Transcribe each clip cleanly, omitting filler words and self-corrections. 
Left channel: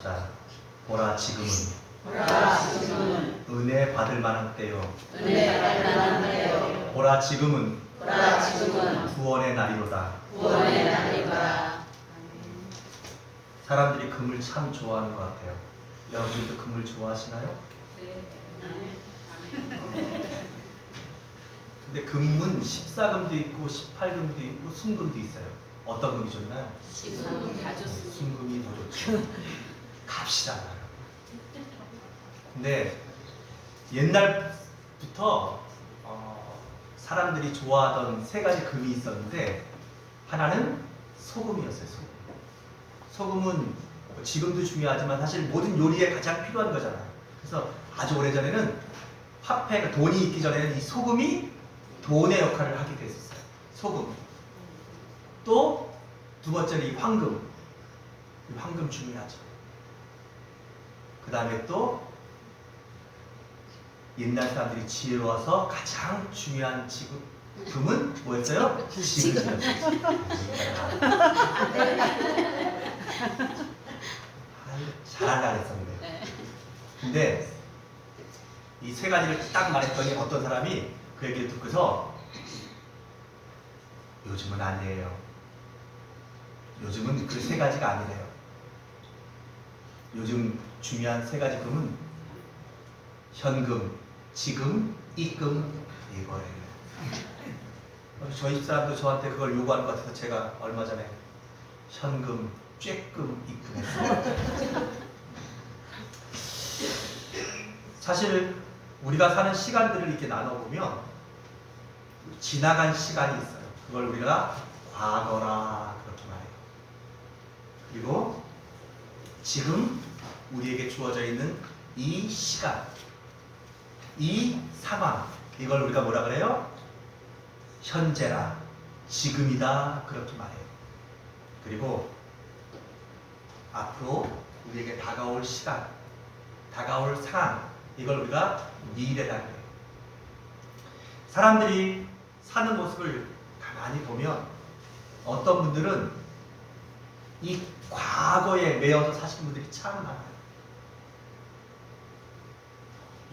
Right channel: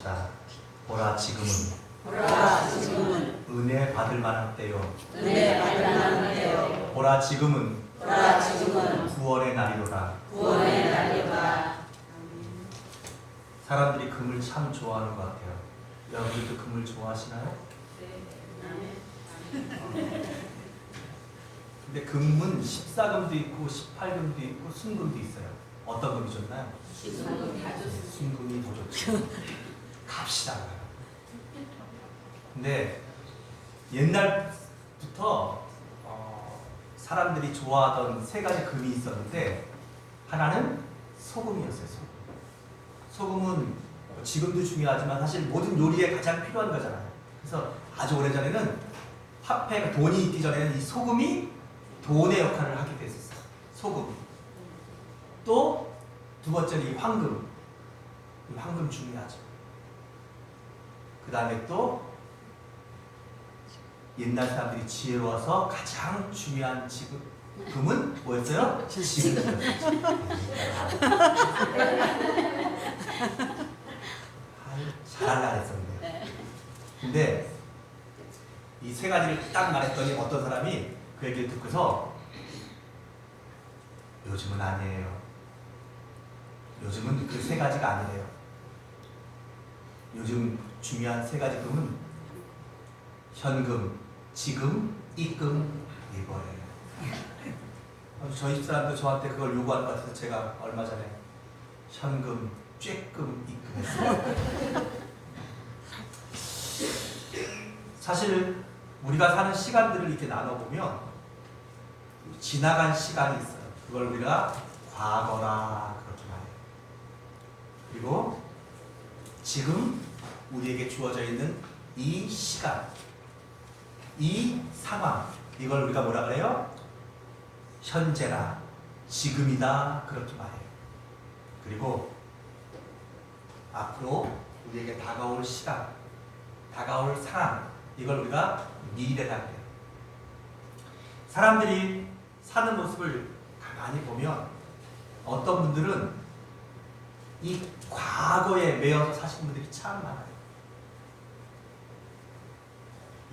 자, 보라 지금은 은혜 받을 만한 때요. 보라 지금은 구원의 날이로다. 사람들이 금을 참 좋아하는 것 같아요. 여러분들도 금을 좋아하시나요? 근데 금은 14금도 있고 18금도 있고 순금도 있어요. 어떤 금이 좋나요? 순금이 더 좋죠. 값이 달라요. 근데 옛날부터 사람들이 좋아하던 세 가지 금이 있었는데 하나는 소금이었어요. 소금은 지금도 중요하지만 사실 모든 요리에 가장 필요한 거잖아요. 그래서 아주 오래전에는 화폐가 돈이 있기 전에는 이 소금이 돈의 역할을 하게 됐었어요. 소금. 또 두 번째는 이 황금. 이 황금 중요하죠. 그 다음에 또 옛날 사람들이 지혜로워서 가장 중요한 금은 뭐였어요? 지금이었어요. 잘하려고 했었는데요. 근데 이 세 가지를 딱 말했더니 어떤 사람이 그 얘기를 듣고서 요즘은 아니에요. 요즘은 그 세 가지가 아니래요. 요즘 중요한 세 가지 금은 현금, 지금, 입금 이거예요. 저희 집사람도 저한테 그걸 요구하는 것 같아서 제가 얼마 전에 현금, 쬐끔 입금했어요. 사실 우리가 사는 시간들을 이렇게 나눠보면 지나간 시간이 있어요. 그걸 우리가 과거라 그렇게 말해요. 그리고 지금 우리에게 주어져 있는 이 시간, 이 상황, 이걸 우리가 뭐라 그래요? 현재라, 지금이다 그렇게 말해요. 그리고 앞으로 우리에게 다가올 시간, 다가올 상황, 이걸 우리가 미래라 그래요. 사람들이 사는 모습을 가만히 보면 어떤 분들은 이 과거에 매여서 사시는 분들이 참 많아요.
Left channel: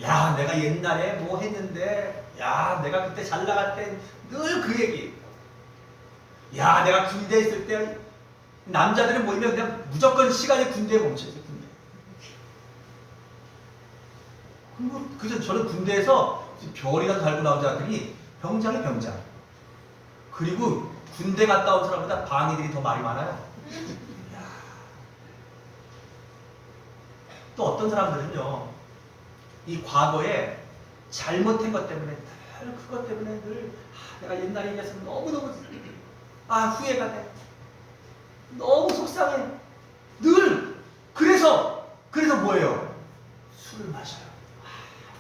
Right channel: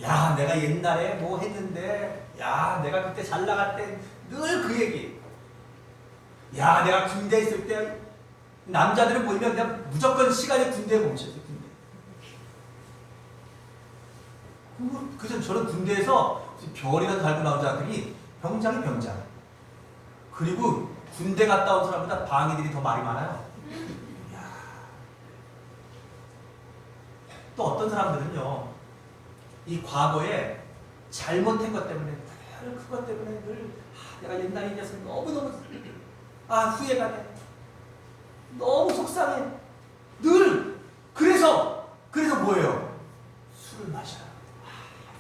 야, 내가 옛날에 뭐 했는데, 야, 내가 그때 잘 나갈 때 늘 그 얘기. 야, 내가 군대에 있을 때 남자들은 모이면 그냥 무조건 시간이 군대에 멈춰있어요. 군대. 그래서 저는 군대에서 별이라도 달고 나온 자들이 병장이 병장. 그리고 군대 갔다 온 사람보다 방위들이 더 말이 많아요. 또 어떤 사람들은요, 이 과거에 잘못한 것 때문에 늘 그것 때문에 늘 내가 옛날에 이래서 너무너무 후회가 돼. 너무 속상해. 늘 그래서 뭐예요? 술을 마셔요.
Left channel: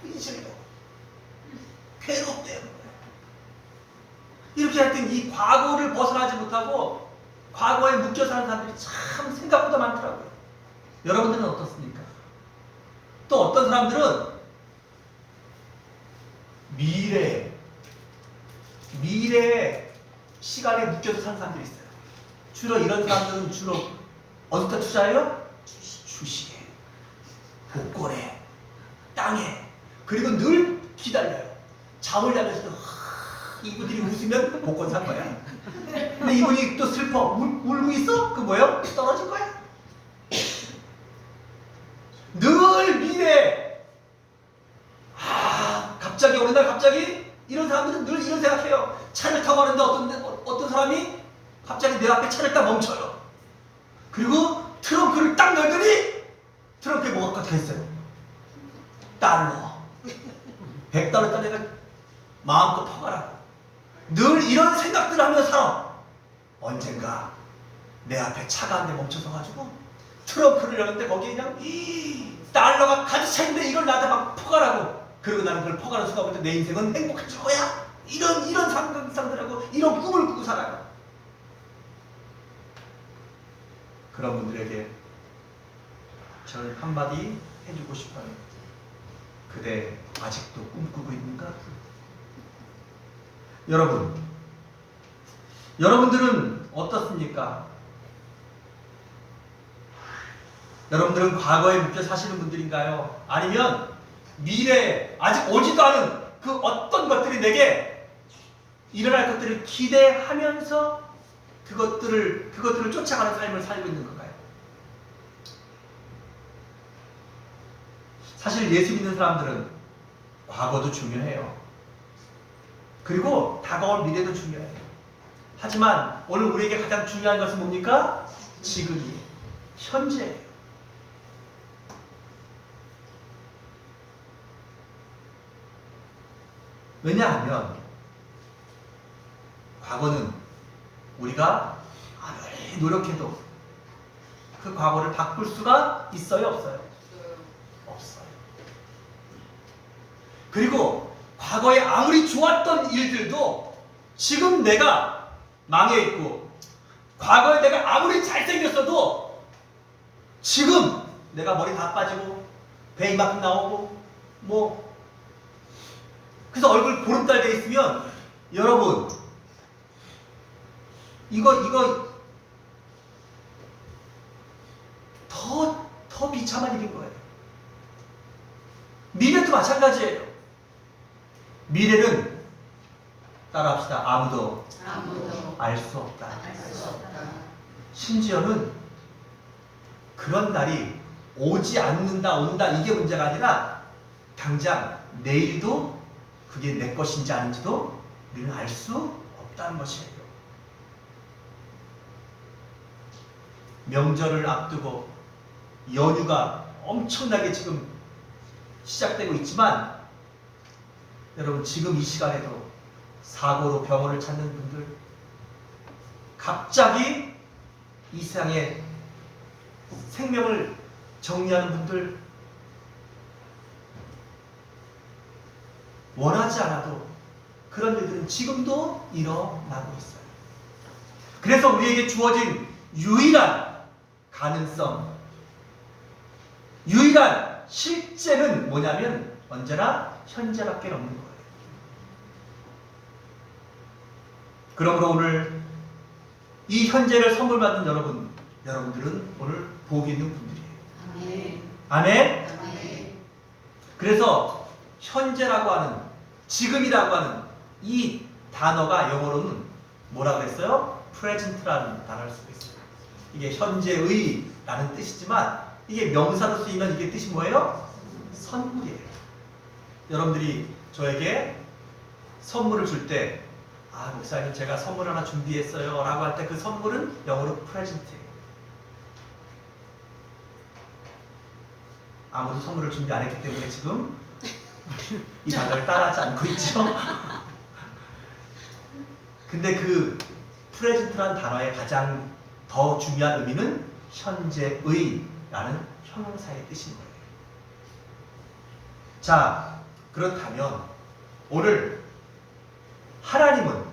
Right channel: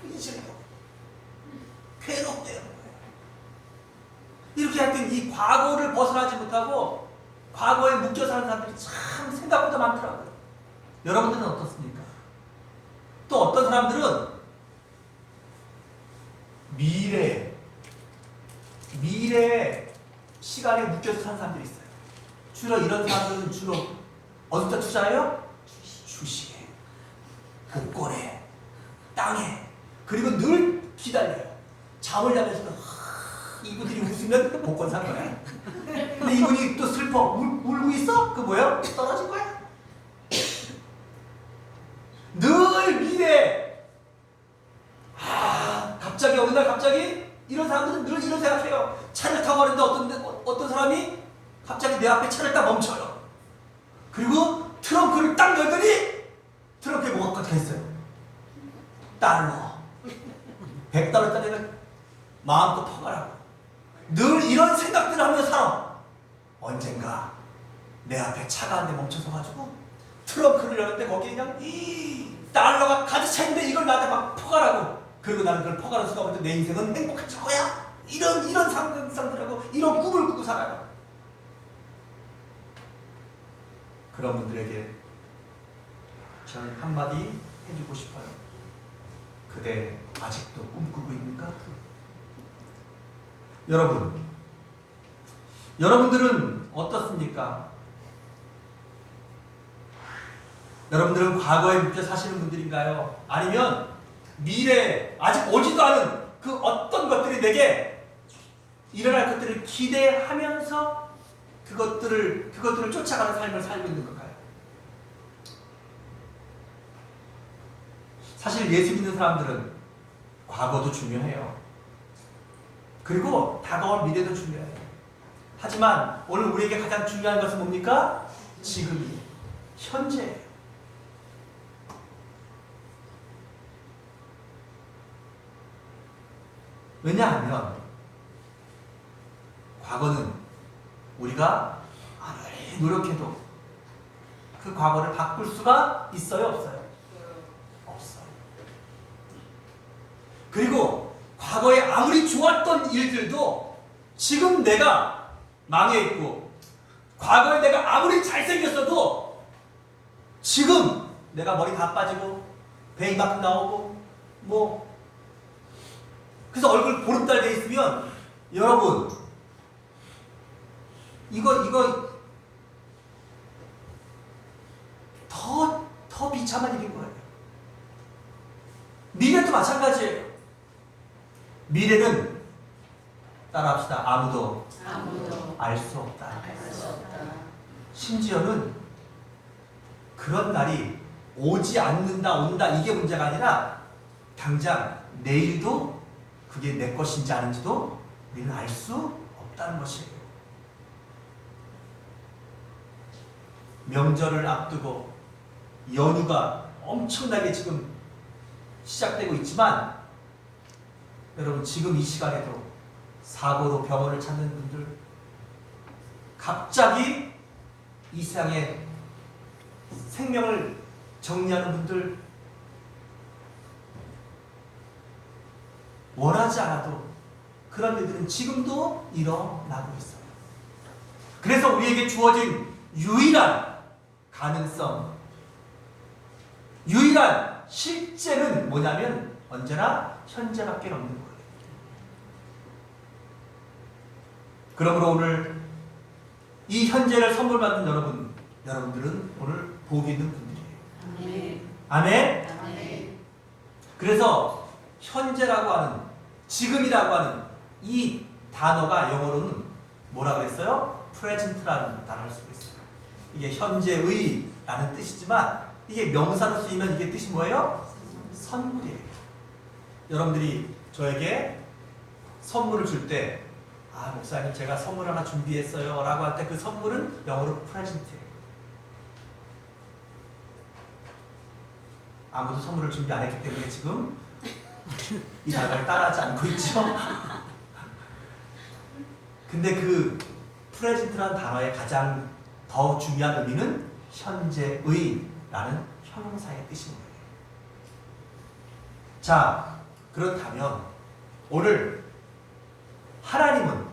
잊으려고. 괴롭대요. 이렇게 하여튼 이 과거를 벗어나지 못하고 과거에 묶여 사는 사람들이 참 생각보다 많더라고요. 여러분들은 어떻습니까? 또 어떤 사람들은 미래의 시간에 묶여서 사는 사람들이 있어요. 주로 이런 사람들은 주로 어디다 투자해요? 주식에, 복권에, 땅에. 그리고 늘 기다려요. 잠을 자면서도 이분들이 웃으면 복권 산 거야. 근데 이분이 또 슬퍼 울고 있어? 그 뭐예요? 떨어진 거야. 늘 미래. 갑자기 어느 날 갑자기 이런 사람들은 늘 이런 생각해요. 차를 타고 가는데 어떤 사람이 갑자기 내 앞에 차를 딱 멈춰요. 그리고 트렁크를 딱 열더니 트렁크에 뭐가 꽉 있어요? 달러. 100달러 있다 내가 마음껏 퍼가라고. 늘 이런 생각들을 하면서 살아. 언젠가 내 앞에 차가 한 대 멈춰서 가지고 트렁크를 열었는데 거기에 그냥 달러가 가득 차 있는데 이걸 나한테 막 퍼가라고. 그리고 나는 그걸 퍼가는 순간부터 내 인생은 행복해질 거야. 이런 상상들하고 이런 꿈을 꾸고 살아요. 그런 분들에게 저는 한마디 해주고 싶어요. 그대 아직도 꿈꾸고 있는가? 여러분들은 어떻습니까? 여러분들은 과거에 묵혀 사시는 분들인가요? 아니면 미래에 아직 오지도 않은 그 어떤 것들이 내게 일어날 것들을 기대하면서 그것들을 쫓아가는 삶을 살고 있는 건가요? 사실 예수 믿는 사람들은 과거도 중요해요. 그리고 다가올 미래도 중요해요. 하지만 오늘 우리에게 가장 중요한 것은 뭡니까? 지금이, 현재예요. 왜냐하면 과거는 우리가 아무리 노력해도 그 과거를 바꿀 수가 있어요, 없어요? 없어요. 그리고 과거에 아무리 좋았던 일들도 지금 내가 망해 있고, 과거에 내가 아무리 잘생겼어도 지금 내가 머리 다 빠지고 배 이만큼 나오고 그래서 얼굴 보름달 돼 있으면 여러분 이거 더 비참한 일인 거예요. 미래도 마찬가지예요. 미래는 따라합시다. 아무도 알 수 없다. 심지어는 그런 날이 오지 않는다, 온다, 이게 문제가 아니라 당장 내일도 그게 내 것인지 아닌지도 우리는 알 수 없다는 것이에요. 명절을 앞두고 연휴가 엄청나게 지금 시작되고 있지만 여러분 지금 이 시간에도 사고로 병원을 찾는 분들, 갑자기 이 세상에 생명을 정리하는 분들, 원하지 않아도 그런 일들은 지금도 일어나고 있어요. 그래서 우리에게 주어진 유일한 가능성, 유일한 실제는 뭐냐면 언제나 현재밖에 없는 거예요. 그러므로 오늘 이 현재를 선물 받은 여러분들은 오늘 복이 있는 분들이에요. 아멘. 아멘. 그래서 현재라고 하는, 지금이라고 하는 이 단어가 영어로는 뭐라 그랬어요? present라는 단어를 쓰고 있어요. 이게 현재의라는 뜻이지만 이게 명사로 쓰이면 이게 뜻이 뭐예요? 선물이에요. 여러분들이 저에게 선물을 줄 때, 목사님 제가 선물 하나 준비했어요 라고 할 때 그 선물은 영어로 present예요. 아무도 선물을 준비 안 했기 때문에 지금 이 단어를 따라하지 않고 있죠. 근데 그 present라는 단어의 가장 더 중요한 의미는 현재의라는 형용사의 뜻인 거예요. 자, 그렇다면 오늘 하나님은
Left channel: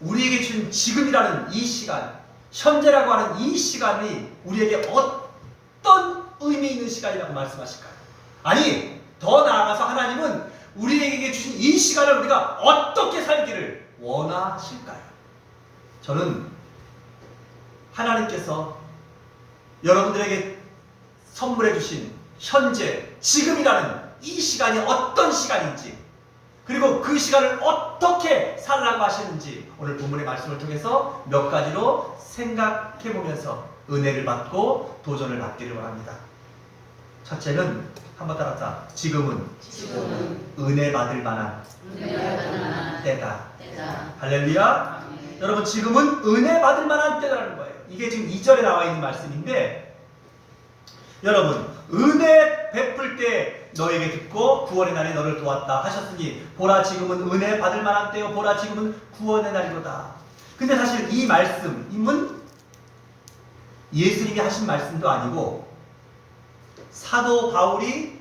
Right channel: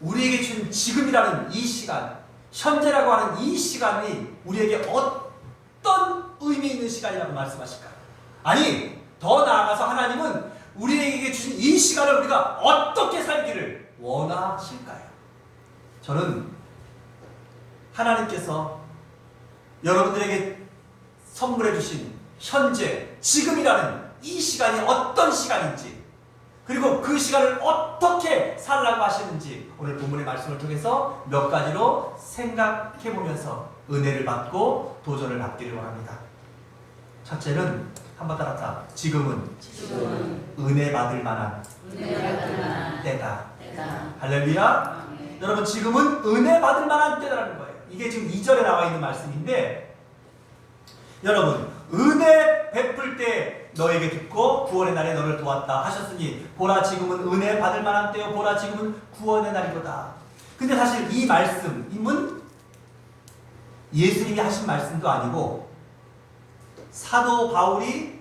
우리에게 준 지금이라는 이 시간, 현재라고 하는 이 시간이 우리에게 어떤 의미 있는 시간이라고 말씀하실까요? 아니, 더 나아가서 하나님은 우리에게 주신 이 시간을 우리가 어떻게 살기를 원하실까요? 저는 하나님께서 여러분들에게 선물해 주신 현재, 지금이라는 이 시간이 어떤 시간인지, 그리고 그 시간을 어떻게 살라고 하시는지 오늘 본문의 말씀을 통해서 몇 가지로 생각해 보면서 은혜를 받고 도전을 받기를 바랍니다. 첫째는 한번 따라서 지금은 은혜 받을 만한 때다. 할렐루야. 여러분 지금은 은혜 받을 만한 때라는 거예요. 이게 지금 2절에 나와 있는 말씀인데, 여러분 은혜 베풀 때 너에게 듣고 구원의 날에 너를 도왔다 하셨으니 보라 지금은 은혜 받을 만한 때요, 보라 지금은 구원의 날이로다. 근데 사실 이 말씀은 예수님이 하신 말씀도 아니고 사도 바울이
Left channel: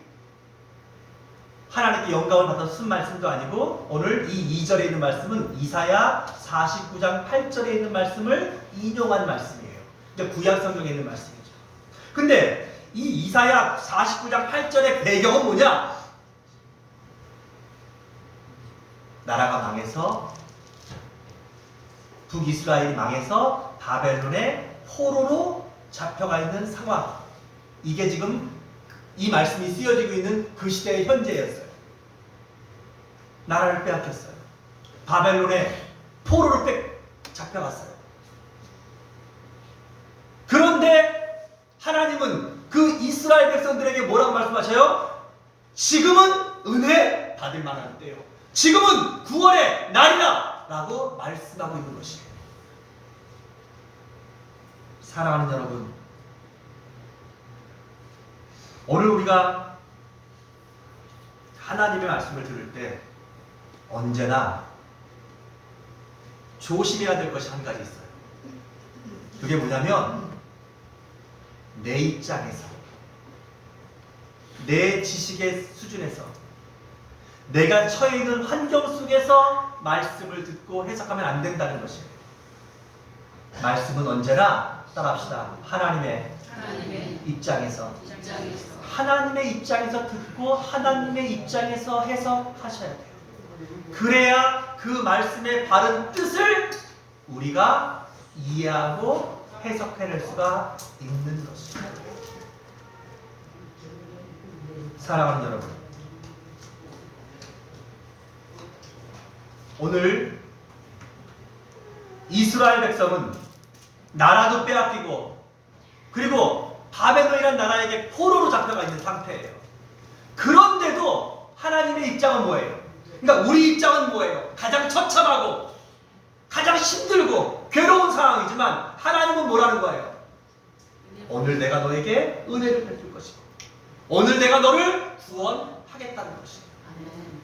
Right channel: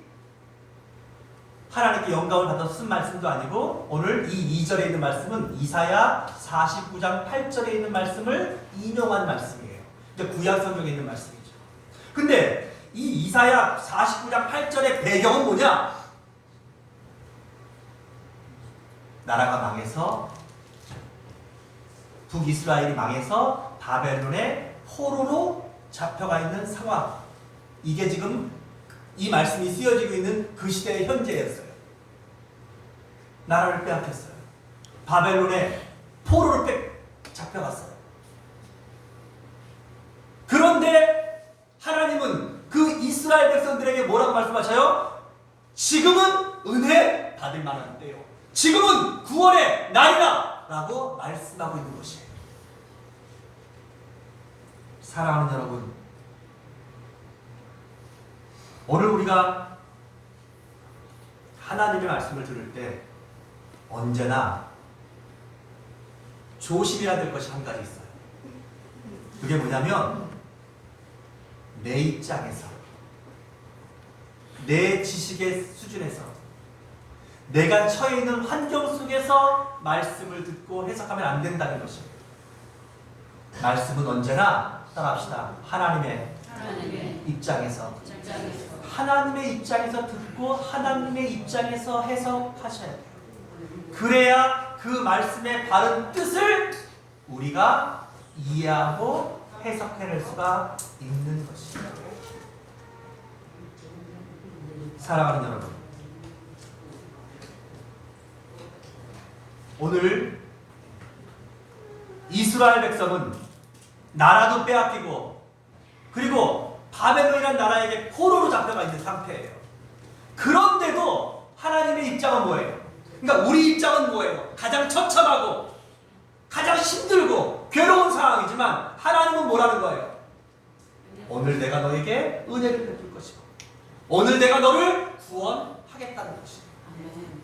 하나님께 영감을 받아서 쓴 말씀도 아니고, 오늘 이 2절에 있는 말씀은 이사야 49장 8절에 있는 말씀을 인용한 말씀이에요. 이제 구약 성경에 있는 말씀이죠. 근데 이 이사야 49장 8절의 배경은 뭐냐? 나라가 망해서, 북이스라엘이 망해서 바벨론의 포로로 잡혀가 있는 상황. 이게 지금 이 말씀이 쓰여지고 있는 그 시대의 현재였어요. 나라를 빼앗겼어요. 바벨론에 포로로 잡혀갔어요. 그런데 하나님은 그 이스라엘 백성들에게 뭐라고 말씀하셔요? 지금은 은혜 받을 만한 때요. 지금은 구원의 날이라 라고 말씀하고 있는 것이에요. 사랑하는 여러분, 오늘 우리가 하나님의 말씀을 들을 때 언제나 조심해야 될 것이 한 가지 있어요. 그게 뭐냐면 내 입장에서, 내 지식의 수준에서, 내가 처해 있는 환경 속에서 말씀을 듣고 해석하면 안 된다는 것이에요. 말씀은 언제나 따라합시다. 하나님의 입장에서, 하나님의 입장에서 듣고 하나님의 입장에서 해석하셔야 돼요. 그래야 그 말씀의 바른 뜻을 우리가 이해하고 해석해낼 수가 있는 것입니다. 사랑하는 여러분, 오늘 이스라엘 백성은 나라도 빼앗기고 그리고 바벨론이라는 나라에게 포로로 잡혀가 있는 상태예요. 그런데도 하나님의 입장은 뭐예요? 그러니까 우리 입장은 뭐예요? 가장 처참하고 가장 힘들고 괴로운 상황이지만 하나님은 뭐라는 거예요? 오늘 내가 너에게 은혜를 베풀 것이고 오늘 내가 너를 구원하겠다는 것이에요.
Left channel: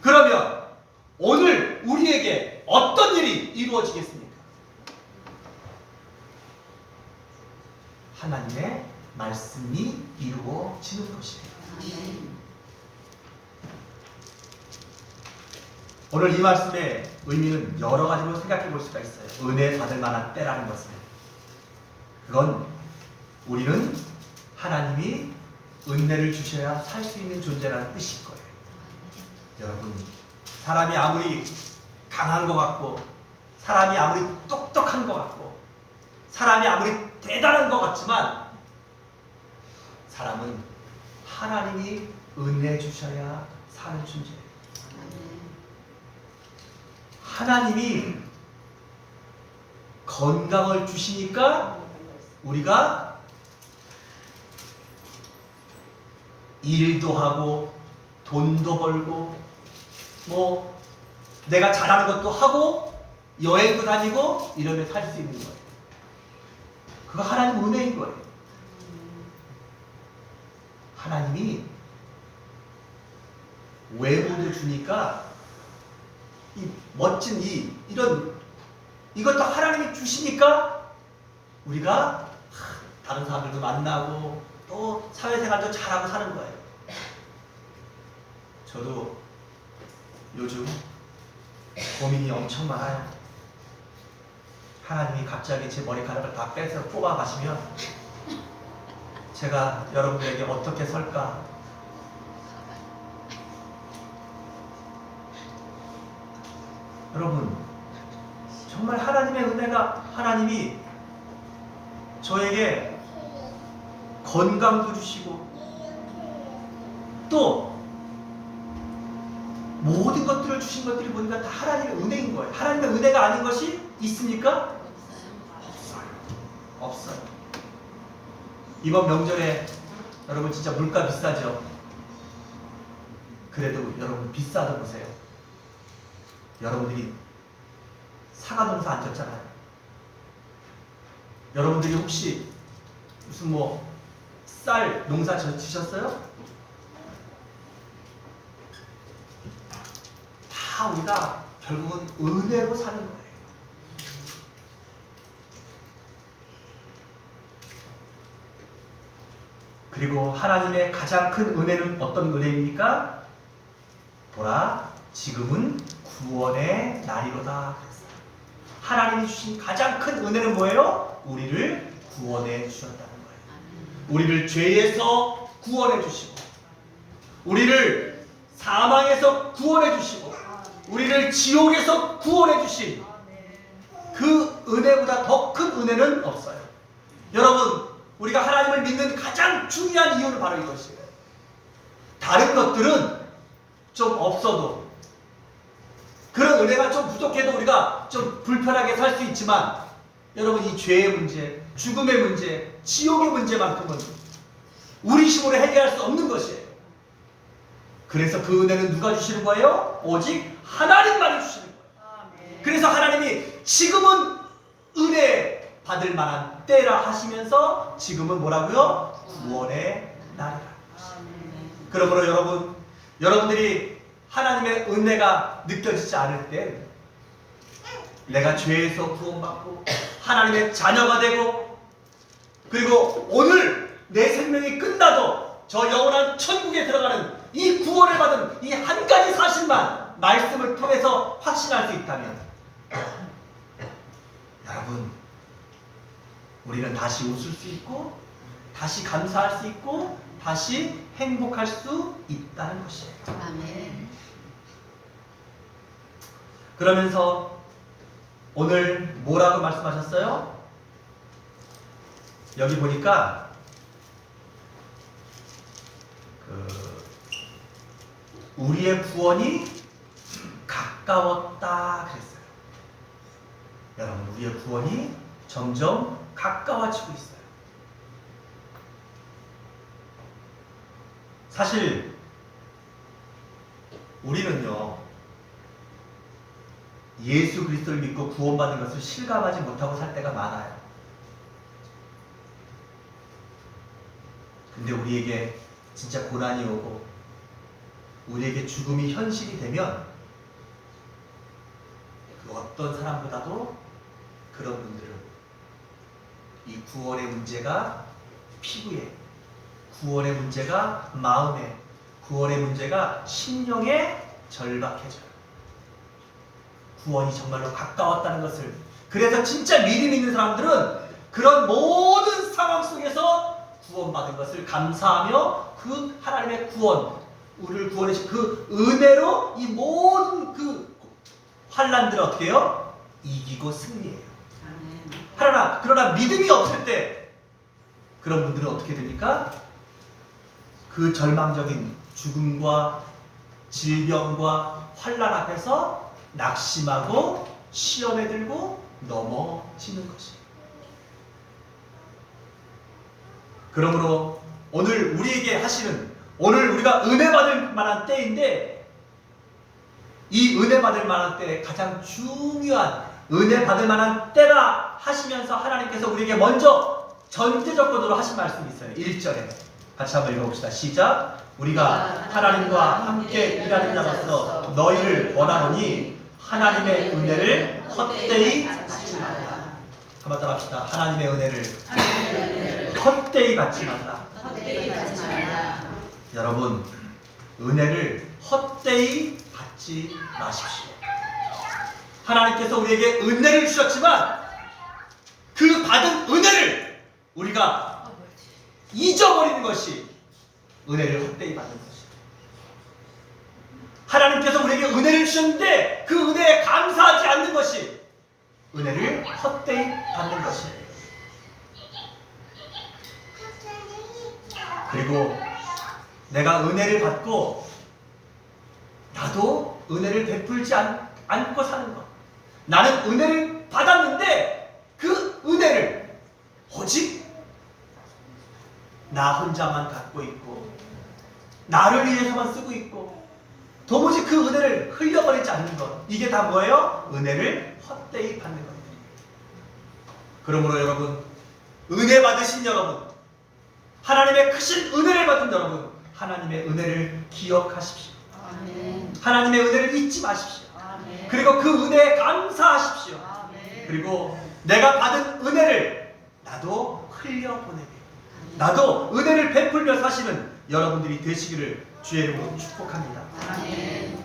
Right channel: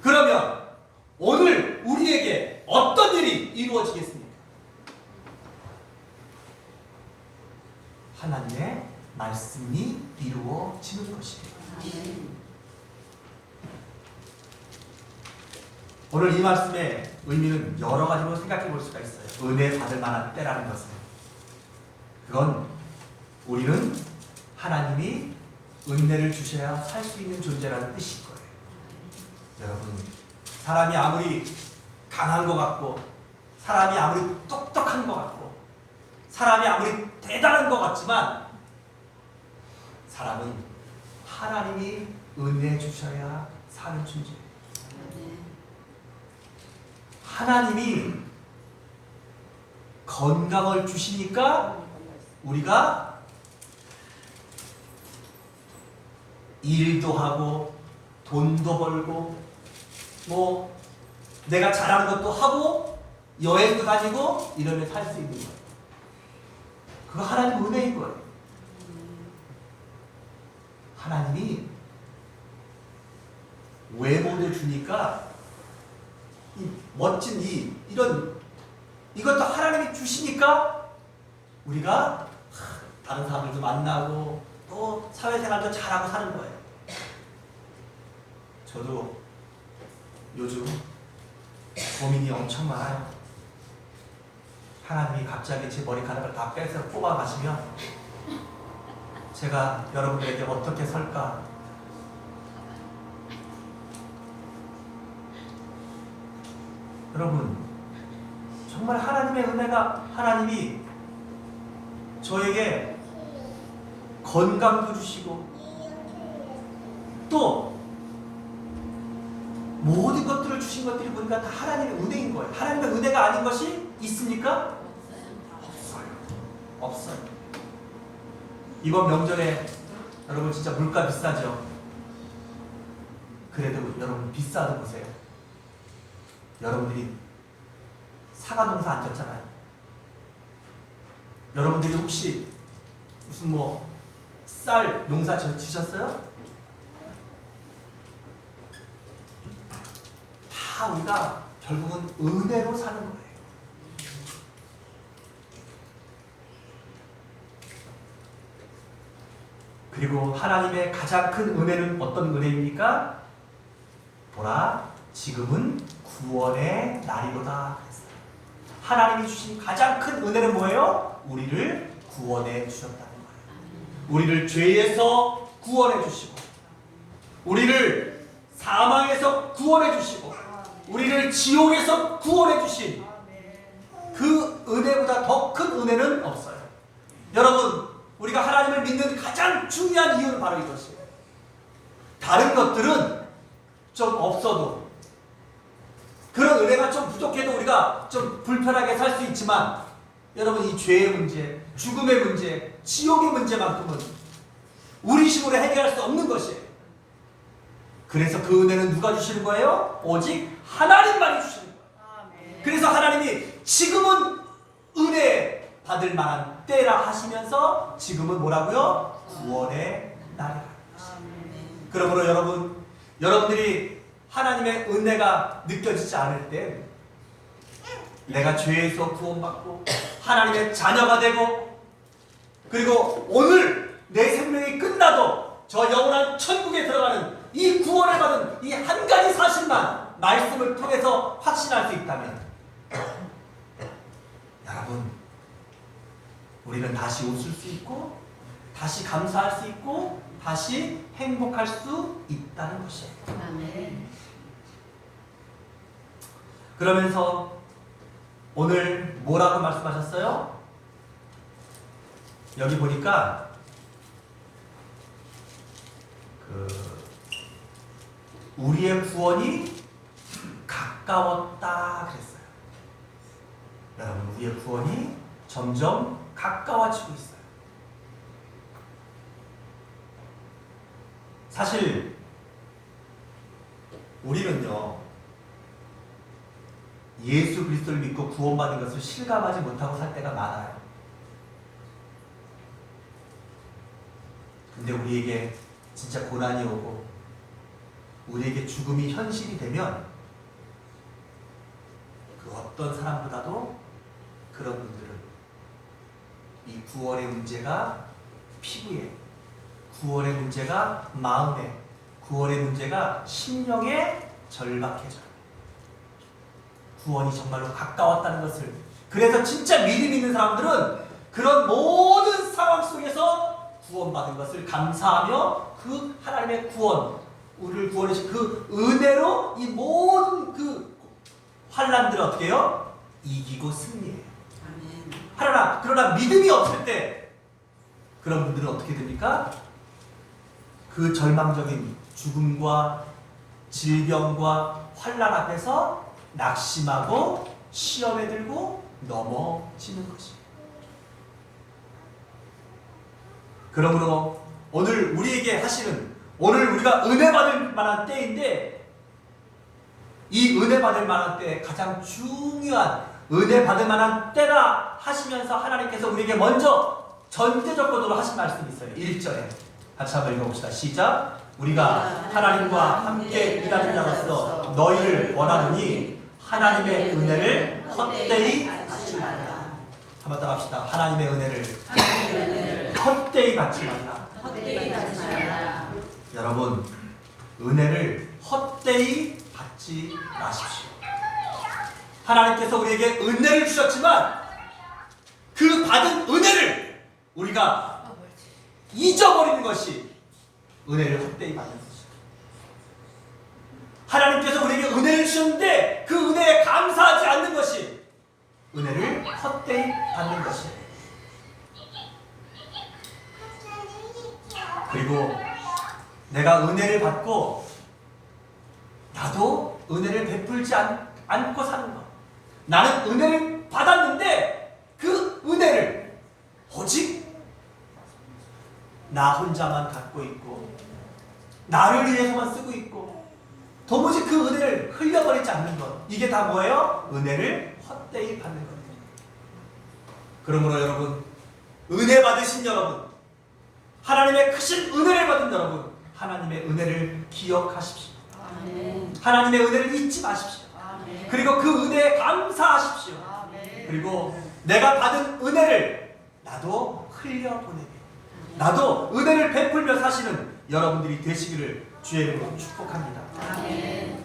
그러면 오늘 우리에게 어떤 일이 이루어지겠습니까? 하나님의 말씀이 이루어지는 것입니다. 오늘 이 말씀의 의미는 여러 가지로 생각해 볼 수가 있어요. 은혜 받을 만한 때라는 것은, 그건 우리는 하나님이 은혜를 주셔야 살 수 있는 존재라는 뜻일 거예요. 여러분, 사람이 아무리 강한 것 같고 사람이 아무리 똑똑한 것 같고 사람이 아무리 대단한 것 같지만 사람은 하나님이 은혜 주셔야 사는 존재예요. 하나님이 건강을 주시니까 우리가 일도 하고 돈도 벌고 뭐 내가 잘하는 것도 하고 여행도 다니고 이러면 살 수 있는 거예요. 그거 하나님 은혜인 거예요. 하나님이 외모도 주니까 이 멋진 이것도 하나님이 주시니까 우리가 다른 사람들도 만나고 또 사회생활도 잘하고 사는 거예요. 저도 요즘 고민이 엄청 많아요. 하나님이 갑자기 제 머리카락을 다 빼서 뽑아 가시면 제가 여러분들에게 어떻게 설까? 여러분, 정말 하나님의 은혜가, 하나님이 저에게 건강도 주시고 또 모든 것들을 주신 것들이 보니까 다 하나님의 은혜인 거예요. 하나님의 은혜가 아닌 것이 있습니까? 없어요. 이번 명절에 여러분 진짜 물가 비싸죠? 그래도 여러분 비싸도 보세요. 여러분들이 사과 농사 안 졌잖아요. 여러분들이 혹시 무슨 쌀 농사 지셨어요? 다 우리가 결국은 은혜로 사는 거예요. 그리고 하나님의 가장 큰 은혜는 어떤 은혜입니까? 보라, 지금은 구원의 날이로다. 하나님이 주신 가장 큰 은혜는 뭐예요? 우리를 구원해 주셨다는 거예요. 우리를 죄에서 구원해 주시고 우리를 사망에서 구원해 주시고 우리를 지옥에서 구원해 주신 그 은혜보다 더 큰 은혜는 없어요. 여러분, 우리가 하나님을 믿는 가장 중요한 이유는 바로 이것이에요. 다른 것들은 좀 없어도, 그런 은혜가 좀 부족해도 우리가 좀 불편하게 살 수 있지만, 여러분, 이 죄의 문제, 죽음의 문제, 지옥의 문제만큼은 우리 힘으로 해결할 수 없는 것이에요. 그래서 그 은혜는 누가 주시는 거예요? 오직 하나님만이 주시는 거예요. 그래서 하나님이 지금은 은혜 받을 만한 때라 하시면서 지금은 뭐라고요? 구원의 날이라. 그러므로 여러분들이 하나님의 은혜가 느껴지지 않을 때, 내가 죄에서 구원받고 하나님의 자녀가 되고, 그리고 오늘 내 생명이 끝나도 저 영원한 천국에 들어가는 이 구원을 받은 이 한 가지 사실만 말씀을 통해서 확신할 수 있다면, 여러분, 우리는 다시 웃을 수 있고, 다시 감사할 수 있고, 다시 행복할 수 있다는 것이에요. 아멘. 그러면서 오늘 뭐라고 말씀하셨어요? 여기 보니까 우리의 구원이 가까웠다 그랬어요. 여러분, 우리의 구원이 점점 가까워지고 있어요. 사실 우리는요, 예수 그리스도를 믿고 구원받은 것을 실감하지 못하고 살 때가 많아요. 근데 우리에게 진짜 고난이 오고 우리에게 죽음이 현실이 되면 그 어떤 사람보다도 그런 분들은 이 구원의 문제가 피부에, 구원의 문제가 마음에, 구원의 문제가 심령에 절박해져요. 구원이 정말로 가까웠다는 것을. 그래서 진짜 믿음 있는 사람들은 그런 모든 상황 속에서 구원받은 것을 감사하며 그 하나님의 구원, 우리를 구원해 주신 그 은혜로 이 모든 그 환난들을 어떻게 해요? 이기고 승리해요. 그러나 믿음이 없을 때 그런 분들은 어떻게 됩니까? 그 절망적인 죽음과 질병과 환난 앞에서 낙심하고 시험에 들고 넘어지는 것이에요. 그러므로 오늘 우리에게 하시는, 오늘 우리가 은혜 받을 만한 때인데, 이 은혜 받을 만한 때에 가장 중요한 은혜 받을 만한 때라 하시면서 하나님께서 우리에게 먼저 전제 조건으로 하신 말씀이 있어요. 1절에 같이 한번 읽어봅시다. 시작. 우리가 하나님과 함께 일하는 자로서 너희를 원하노니 하나님의 은혜를 헛되이 받지 말라. 한번 따라합시다. 하나님의 은혜를 헛되이 받지 말라. 여러분, 은혜를 헛되이 받지 마십시오. 하나님께서 우리에게 은혜를 주셨지만 그 받은 은혜를 우리가 잊어버리는 것이 은혜를 헛되이 받는 것이에요. 하나님께서 우리에게 은혜를 주셨는데 그 은혜에 감사하지 않는 것이 은혜를 헛되이 받는 것이에요. 그리고 내가 은혜를 받고 나도 은혜를 베풀지 않고 사는 것. 나는 은혜를 받았는데 그 은혜를 오직 나 혼자만 갖고 있고 나를 위해서만 쓰고 있고 도무지 그 은혜를 흘려버리지 않는 것. 이게 다 뭐예요? 은혜를 헛되이 받는 것들이에요. 그러므로 여러분, 은혜 받으신 여러분, 하나님의 크신 은혜를 받은 여러분, 하나님의 은혜를 기억하십시오. 아멘. 하나님의 은혜를 잊지 마십시오. 아멘. 그리고 그 은혜에 감사하십시오. 아멘. 그리고 내가 받은 은혜를 나도 흘려보내게, 나도 은혜를 베풀며 사시는 여러분들이 되시기를 주의 이름으로 축복합니다. 아멘.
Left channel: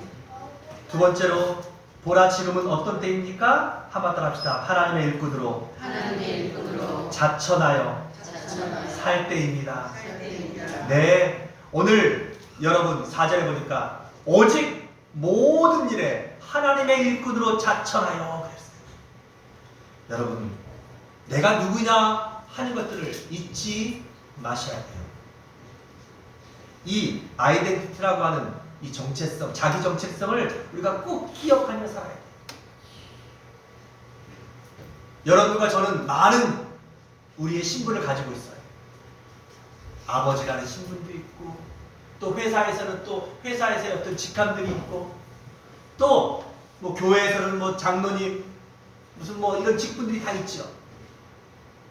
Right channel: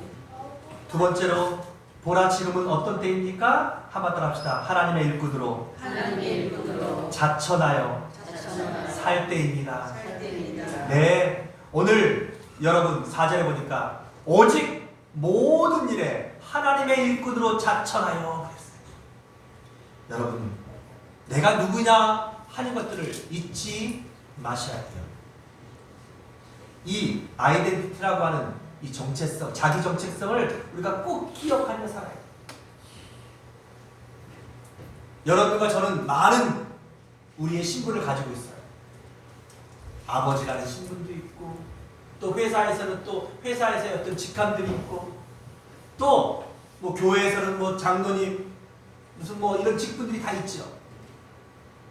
두 번째로, 보라 지금은 어떤 때입니까? 한번 따라합시다. 하나님의 일꾼으로 하나님의 일꾼으로 자천하여 자천하여 살 때입니다. 살 때입니다. 네, 오늘 여러분 4절에 보니까 오직 모든 일에 하나님의 일꾼으로 자천하여 그랬어요. 여러분, 내가 누구냐 하는 것들을 잊지 마셔야 돼요. 이 아이덴티티라고 하는 이 정체성, 자기 정체성을 우리가 꼭 기억하며 살아야 돼요. 여러분과 저는 많은 우리의 신분을 가지고 있어요. 아버지라는 신분도 있고, 또 회사에서는 또 회사에서의 어떤 직함들이 있고, 또 뭐 교회에서는 뭐 장로님 무슨 뭐 이런 직분들이 다 있죠.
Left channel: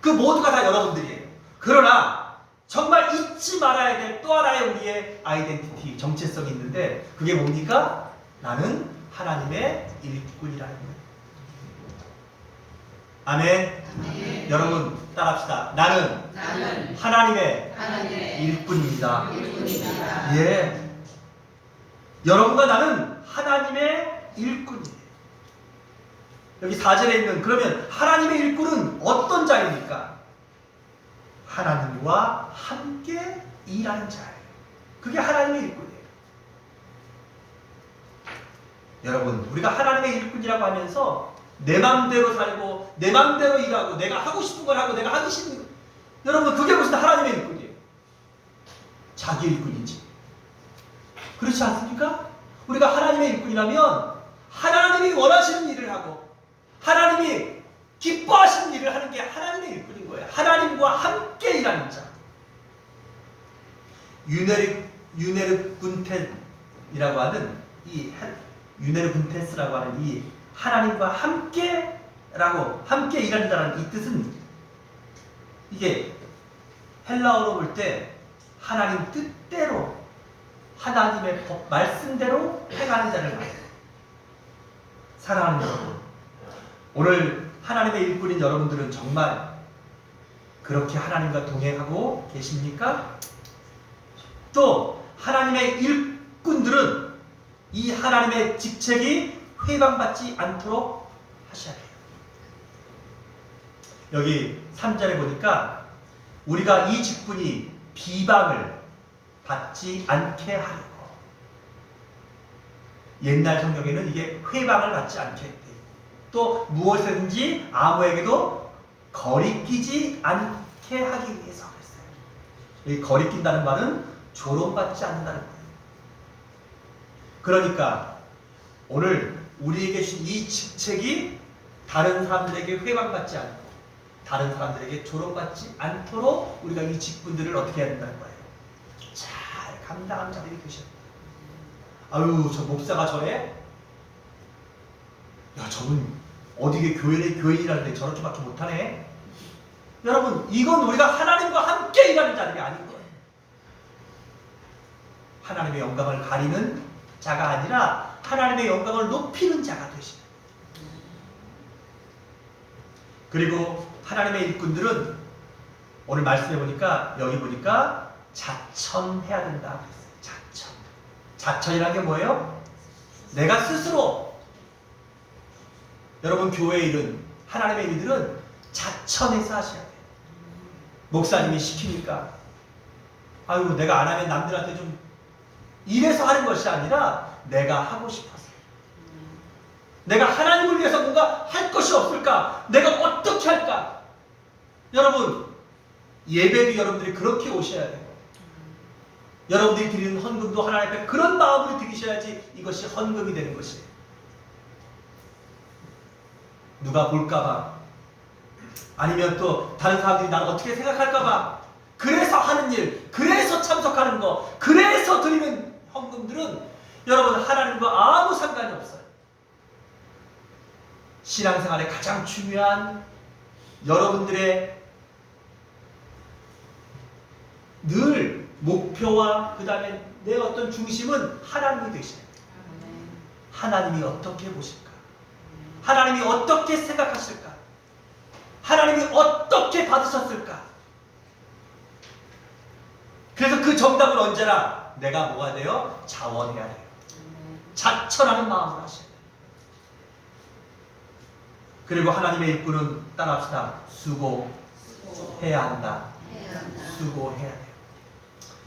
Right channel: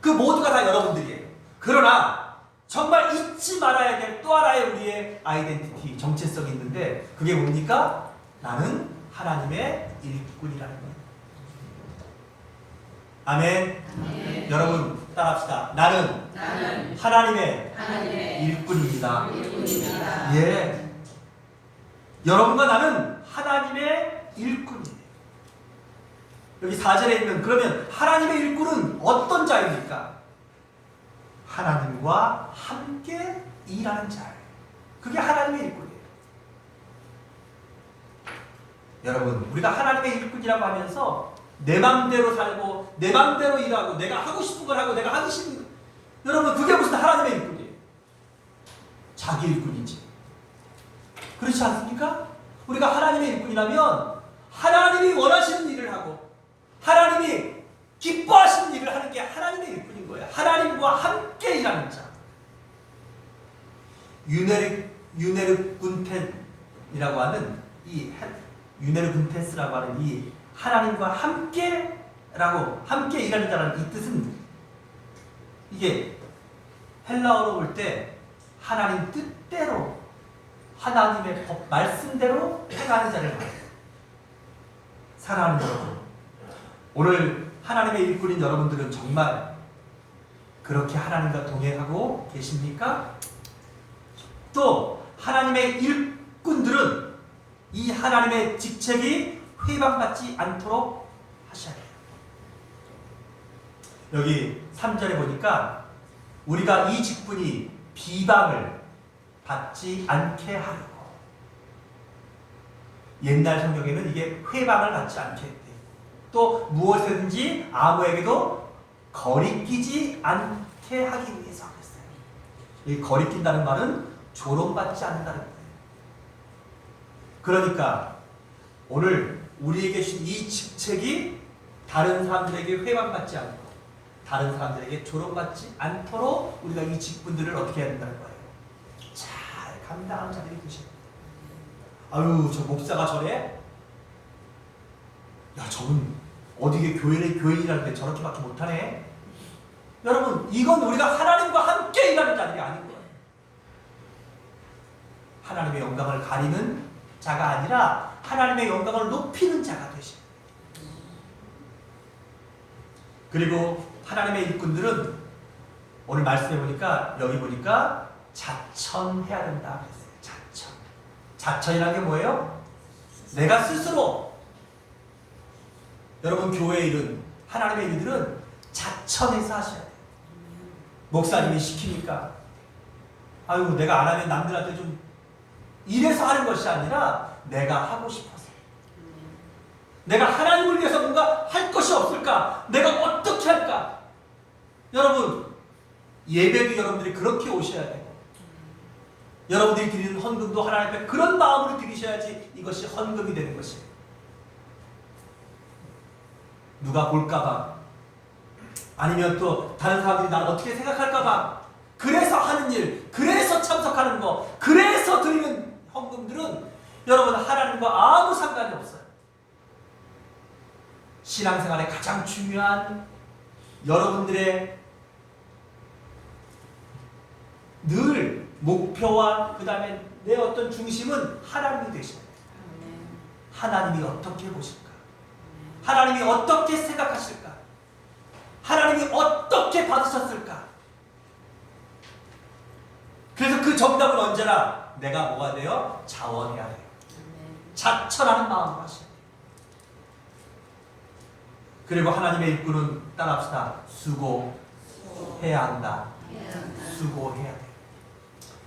그 모두가 다 여러분들이에요. 그러나 정말 잊지 말아야 될 또 하나의 우리의 아이덴티티, 정체성이 있는데 그게 뭡니까? 나는 하나님의 일꾼이라는 거예요. 아멘. 아멘. 여러분 따라합시다. 나는 하나님의 하나님의 일꾼입니다. 일꾼입니다. 예. 여러분과 나는 하나님의 일꾼이에요. 여기 4절에 있는 그러면 하나님의 일꾼은 어떤 자입니까? 하나님과 함께 일하는 자예요. 그게 하나님의 일꾼이에요. 여러분, 우리가 하나님의 일꾼이라고 하면서 내 맘대로 살고 내 맘대로 일하고 내가 하고 싶은 걸 하고 내가 하기 싫은 거, 여러분 그게 무슨 하나님의 일꾼이에요? 자기 일꾼이지. 그렇지 않습니까? 우리가 하나님의 일꾼이라면 하나님이 원하시는 일을 하고 하나님이 기뻐하시는 일을 하는 게 하나님의 일꾼인 거예요. 하나님과 함께 일하는 자. 유네르 군텐이라고 하는 이 유네르 군테스라고 하는 이 하나님과 함께 일하는 자라는 이 뜻은 이게 헬라어로 볼 때 하나님 뜻대로 하나님의 법 말씀대로 행하는 자를 말해요. 사랑하는 여러분, 오늘 하나님의 일꾼인 여러분들은 정말 그렇게 하나님과 동행하고 계십니까? 또 하나님의 일꾼들은 이 하나님의 직책이 회방받지 않도록 하셔야 해요. 여기 3절에 보니까 우리가 이 직분이 비방을 받지 않게 하려고. 옛날 성경에는 이게 회방을 받지 않게 했대요. 또 무엇이든지 아무에게도 거리끼지 않게 하기 위해서 그랬어요. 이 거리낀다는 말은 조롱받지 않는다는 거예요. 그러니까 오늘 우리에게 주신 이 직책이 다른 사람들에게 회방받지 않고 다른 사람들에게 조롱받지 않도록 우리가 이 직분들을 어떻게 해야 된다는 거예요. 잘 감당하는 자들이 되셔야 돼요. 아유, 저 목사가 저래? 야, 저분 어디게 교인이라는데 저렇게밖에 못하네? 여러분, 이건 우리가 하나님과 함께 일하는 자들이 아닌 거예요. 하나님의 영광을 가리는 자가 아니라 하나님의 영광을 높이는 자가 되십니다. 그리고 하나님의 일꾼들은 오늘 말씀해 보니까 여기 보니까 자천해야 된다 그랬어요. 자천. 자천이라는 게 뭐예요? 내가 스스로. 여러분 교회 일은 하나님의 일들은 자천해서 하셔야 돼요. 목사님이 시키니까 아유 내가 안 하면 남들한테 좀 이래서 하는 것이 아니라 내가 하고 싶어서. 내가 하나님을 위해서 뭔가 할 것이 없을까? 내가 어떻게 할까? 여러분 예배도 여러분들이 그렇게 오셔야 되고 여러분들이 드리는 헌금도 하나님 앞에 그런 마음으로 드리셔야지 이것이 헌금이 되는 것이에요. 누가 볼까봐 아니면 또 다른 사람들이 나를 어떻게 생각할까봐 그래서 하는 일, 그래서 참석하는 거, 그래서 드리는 헌금들은 여러분 하나님과 아무 상관이 없어요. 신앙생활의 가장 중요한 여러분들의 늘 목표와 그 다음에 내 어떤 중심은 하나님이 되셔야 돼요. 하나님이 어떻게 보실까? 하나님이 어떻게 생각하실까? 하나님이 어떻게 받으셨을까? 그래서 그 정답은 언제나 내가 뭐가 돼요? 자원해야 돼요. 자천하는 마음으로 하셔야 돼요. 그리고 하나님의 일꾼은 따라합시다. 수고해야 한다. 수고해야 돼요.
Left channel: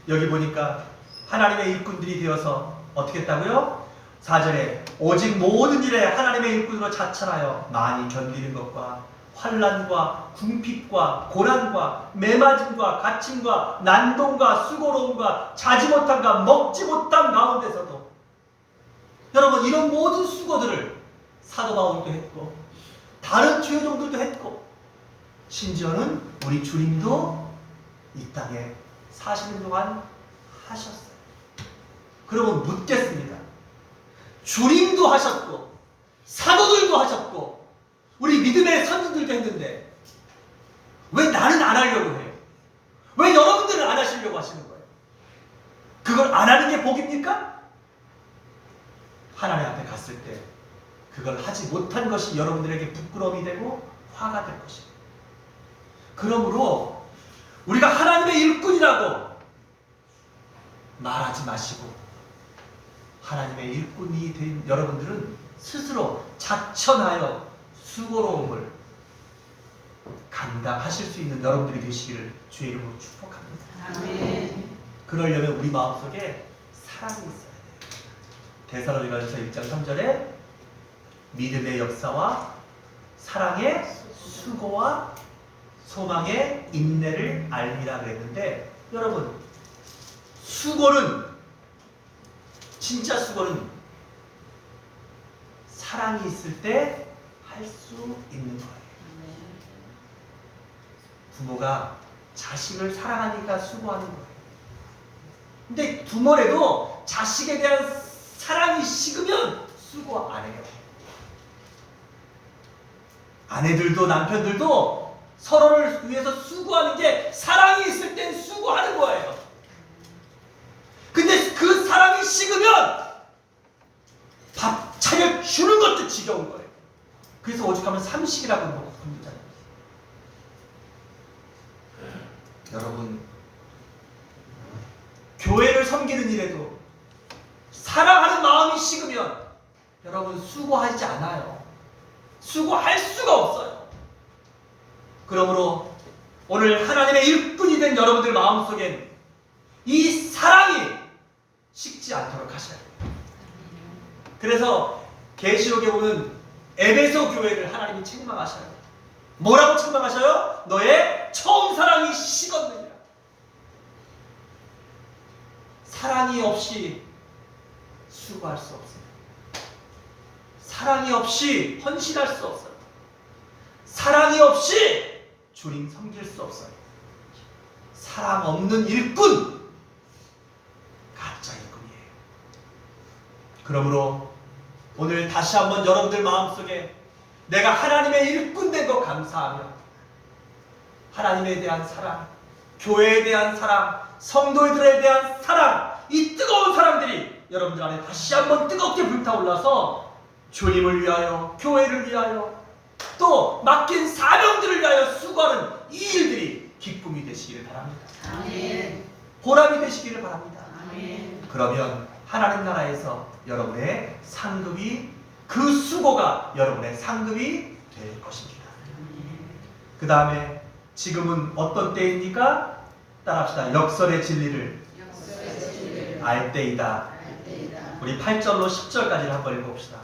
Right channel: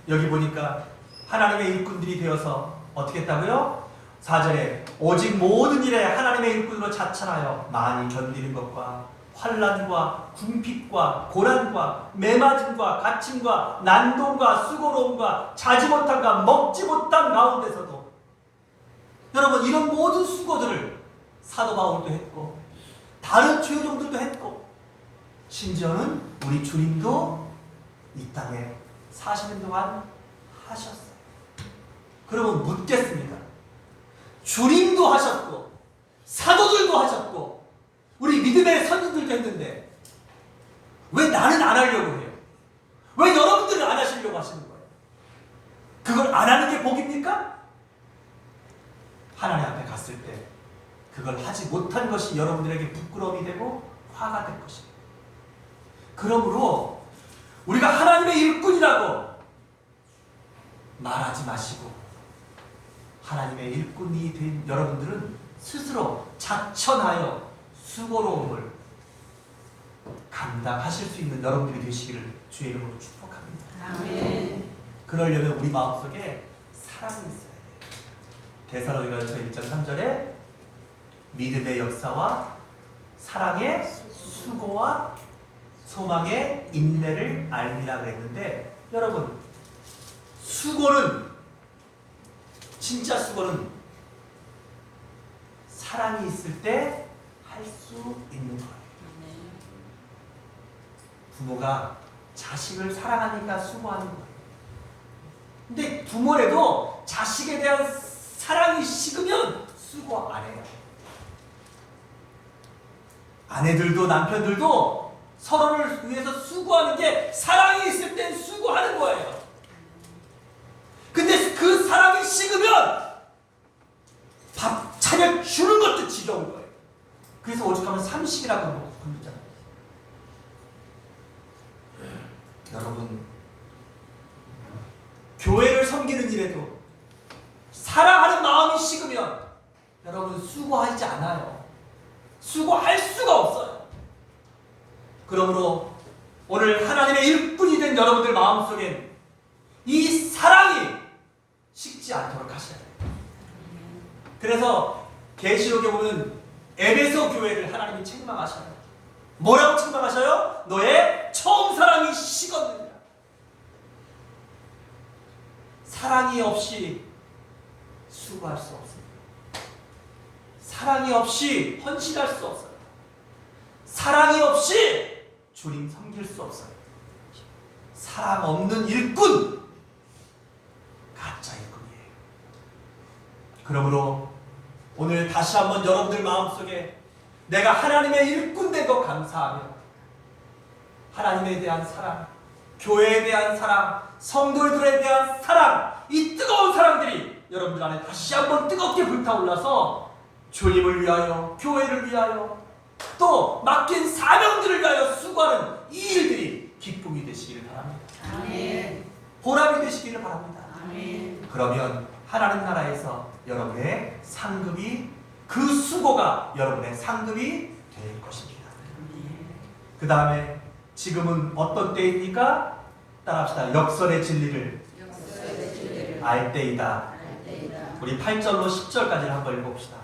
여기 보니까 하나님의 일꾼들이 되어서 어떻게 했다고요? 4절에 오직 모든 일에 하나님의 일꾼으로 자천하여 많이 견디는 것과 환난과 궁핍과 고난과 매맞음과 갇힘과 난동과 수고로움과 자지 못함과 먹지 못함 가운데서도 여러분 이런 모든 수고들을 사도 바울도 했고 다른 주요종들도 했고 심지어는 우리 주님도 이 땅에 사시는 동안 하셨어요. 그러면 묻겠습니다. 주님도 하셨고 사도들도 하셨고 우리 믿음의 선진들도 했는데 왜 나는 안 하려고 해요? 왜 여러분들은 안 하시려고 하시는 거예요? 그걸 안 하는 게 복입니까? 하나님 앞에 갔을 때 그걸 하지 못한 것이 여러분들에게 부끄러움이 되고 화가 될 것입니다. 그러므로 우리가 하나님의 일꾼이라고 말하지 마시고 하나님의 일꾼이 된 여러분들은 스스로 자천하여 수고로움을 감당하실 수 있는 여러분들이 되시기를 주의 이름으로 축복합니다. 아멘. 그러려면 우리 마음속에 사랑이 있어야 돼요. 데살로니가전서 1장 3절에 믿음의 역사와 사랑의 수고와 소망의 인내를 알미라 그랬는데 여러분 수고는 진짜 수고는 사랑이 있을 때 할 수 있는 거예요. 부모가 자식을 사랑하니까 수고하는 거예요. 근데 부모래도 자식에 대한 사랑이 식으면 수고 안 해요. 아내들도 남편들도 서로를 위해서 수고하는 게 사랑이 있을 땐 수고하는 거예요. 근데 그 사랑이 식으면 밥 차려주는 것도 지겨운 거예요. 그래서 오죽하면 삼식이라고 부르잖아요. 여러분 교회를 섬기는 일에도 사랑하는 마음이 식으면 여러분 수고하지 않아요. 수고할 수가 없어요. 그러므로 오늘 하나님의 일꾼이 된 여러분들 마음속엔 이 사랑이 식지 않도록 하셔야 돼요. 그래서 계시록에 보면 에베소 교회를 하나님이 책망하셔요. 뭐라고 책망하셔요? 너의 처음 사랑이 식었느니라. 사랑이 없이 수고할 수 없습니다. 사랑이 없이 헌신할 수 없어요. 사랑이 없이 주님 섬길 수 없어요. 사랑 없는 일꾼, 가짜 일꾼이에요. 그러므로 오늘 다시 한번 여러분들 마음속에 내가 하나님의 일꾼 된 거 감사하며 하나님에 대한 사랑, 교회에 대한 사랑, 성도들에 대한 사랑, 이 뜨거운 사랑들이 여러분들 안에 다시 한번 뜨겁게 불타올라서 주님을 위하여, 교회를 위하여, 또 맡긴 사명들을 위하여 수고하는 이 일들이 기쁨이 되시기를 바랍니다. 아멘. 보람이 되시기를 바랍니다. 아멘. 그러면 하나님 나라에서 여러분의 상급이, 그 수고가 여러분의 상급이 될 것입니다. 그 다음에 지금은 어떤 때입니까? 따라합시다. 역설의 진리를 알 때이다. 우리 8절로 10절까지를 한번 읽어봅시다.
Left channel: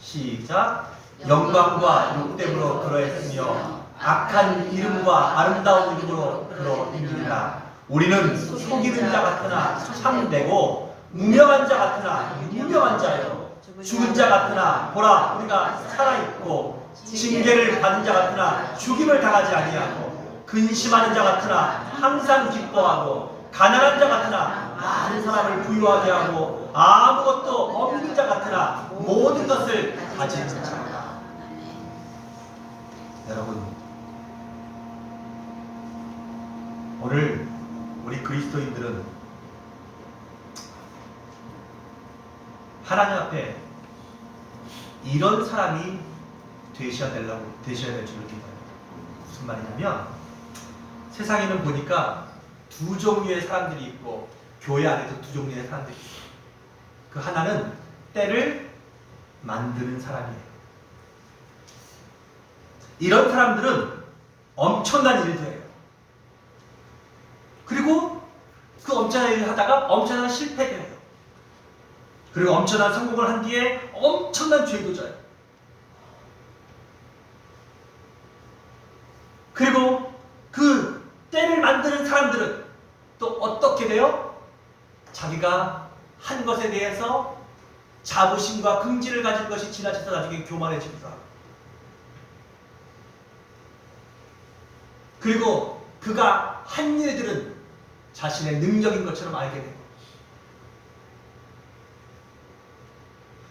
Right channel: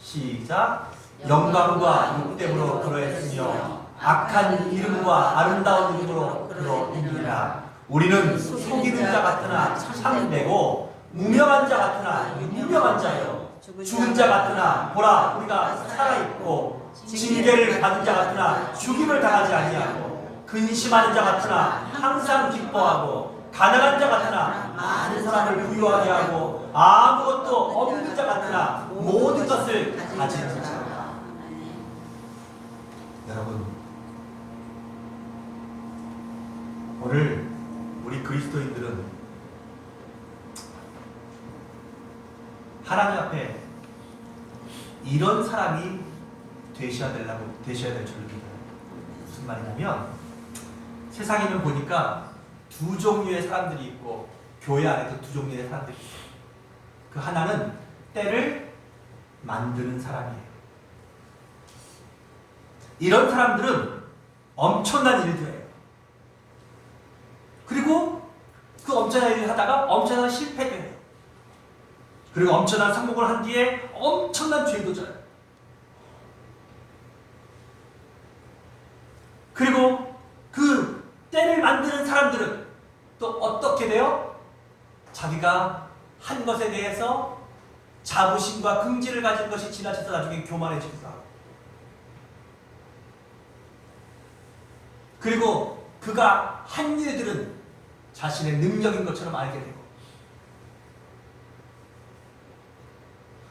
시작. 영광과 욕됨으로 그러했으며 악한 이름과 아름다운 이름으로 그러이니라. 우리는 속이는 자 같으나 참되고 무명한 자 같으나 유명한 자요, 죽은 자 같으나 보라 우리가 살아있고, 징계를 받은 자 같으나 죽임을 당하지 아니하고, 근심하는 자 같으나 항상 기뻐하고, 가난한 자 같으나 많은 사람을 부유하게 하고, 아무것도 없는 자 같으나 모든 것을 가진 자라. 여러분, 오늘 우리 그리스도인들은 하나님 앞에 이런 사람이 되셔야 될 줄을 믿어요. 무슨 말이냐면, 세상에는 보니까 두 종류의 사람들이 있고, 교회 안에도 두 종류의 사람들이 있어요. 그 하나는 때를 만드는 사람이에요. 이런 사람들은 엄청난 일을 해요. 그리고 그 엄청난 일을 하다가 엄청난 실패도 해요. 그리고 엄청난 성공을 한 뒤에 엄청난 죄도 져요. 그리고 그 때를 만드는 사람들은 또 어떻게 돼요? 자기가 한 것에 대해서 자부심과 긍지를 가진 것이 지나쳐서 나중에 교만해지기도 하고, 그리고 그가 한 일들은 자신의 능력인 것처럼 알게 되고.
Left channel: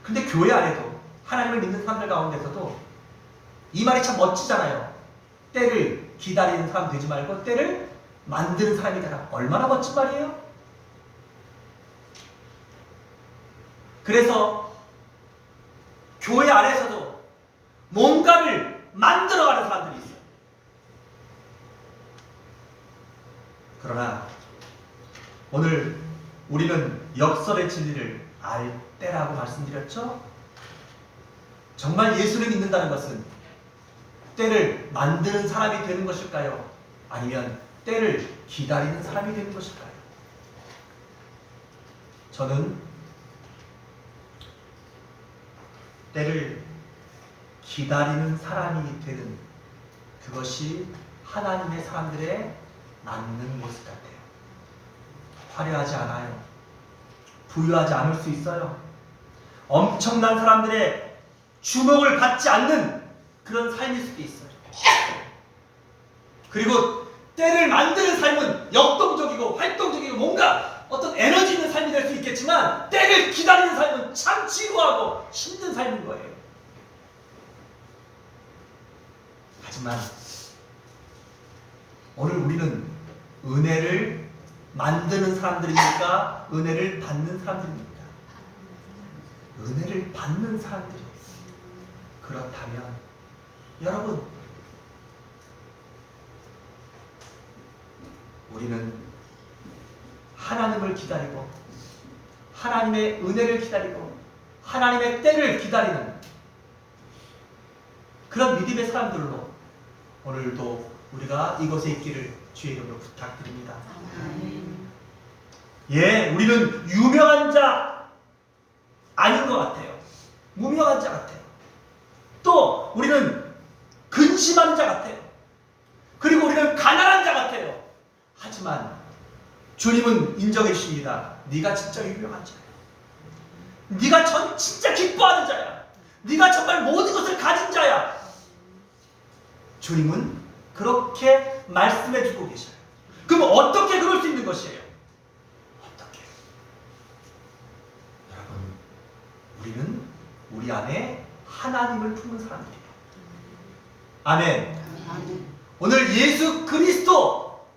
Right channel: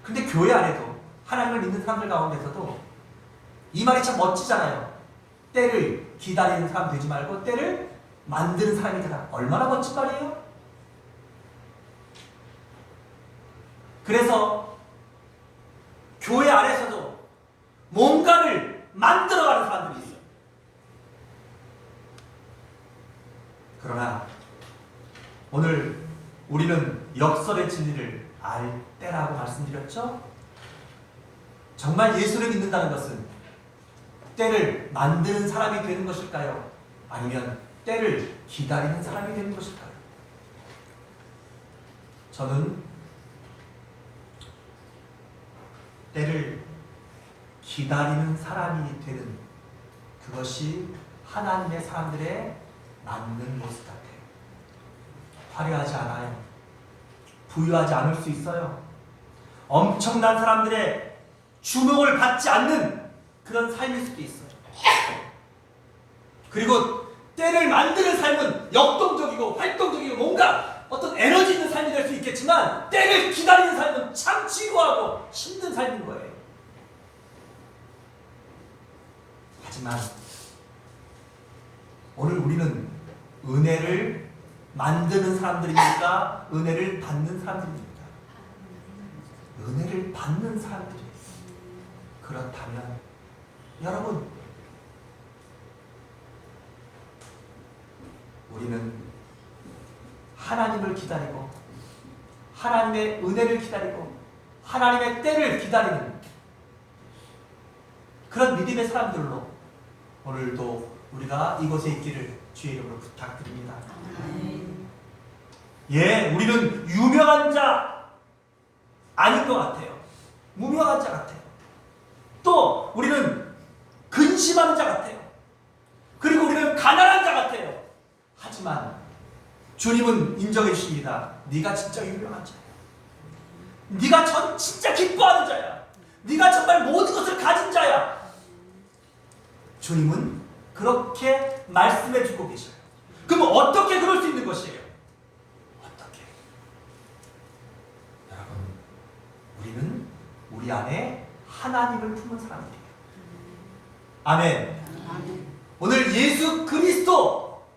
근데 교회 안에도 하나님을 믿는 사람들 가운데서도 이 말이 참 멋지잖아요. 때를 기다리는 사람 되지 말고 때를 만드는 사람이 되라. 얼마나 멋진 말이에요? 그래서 교회 안에서도 뭔가를 만들어가는 사람들이 있어요. 그러나 오늘 우리는 역설의 진리를 알 때라고 말씀드렸죠? 정말 예수를 믿는다는 것은 때를 만드는 사람이 되는 것일까요? 아니면 때를 기다리는 사람이 되는 것일까요? 저는 때를 기다리는 사람이 되는 그것이 하나님의 사람들의 맞는 모습 같아요. 화려하지 않아요. 부유하지 않을 수 있어요. 엄청난 사람들의 주목을 받지 않는 그런 삶일 수도 있어요. 그리고 때를 만드는 삶은 역동적이고 활동적이고 뭔가 어떤 에너지 있는 삶이 될 수 있겠지만, 때를 기다리는 삶은 참 지루하고 힘든 삶인 거예요. 하지만 오늘 우리는 은혜를 만드는 사람들입니까? 은혜를 받는 사람들입니까? 은혜를 받는 사람들이에요. 그렇다면 여러분, 우리는 하나님을 기다리고 하나님의 은혜를 기다리고 하나님의 때를 기다리는 그런 믿음의 사람들로 오늘도 우리가 이곳에 있기를 주의 이름으로 부탁드립니다. 예, 우리는 유명한 자 아닌 것 같아요. 무명한 자 같아요. 또 우리는 근심하는 자 같아요. 그리고 우리는 가난한 자 같아요. 하지만 주님은 인정해 주십니다. 네가 진짜 유명한 자야. 네가 진짜 기뻐하는 자야. 네가 정말 모든 것을 가진 자야. 주님은 그렇게 말씀해 주고 계셔요. 그럼 어떻게 그럴 수 있는 것이에요? 어떻게? 여러분, 우리는 우리 안에 하나님을 품은 사람들이에요. 아멘. 오늘 예수 그리스도,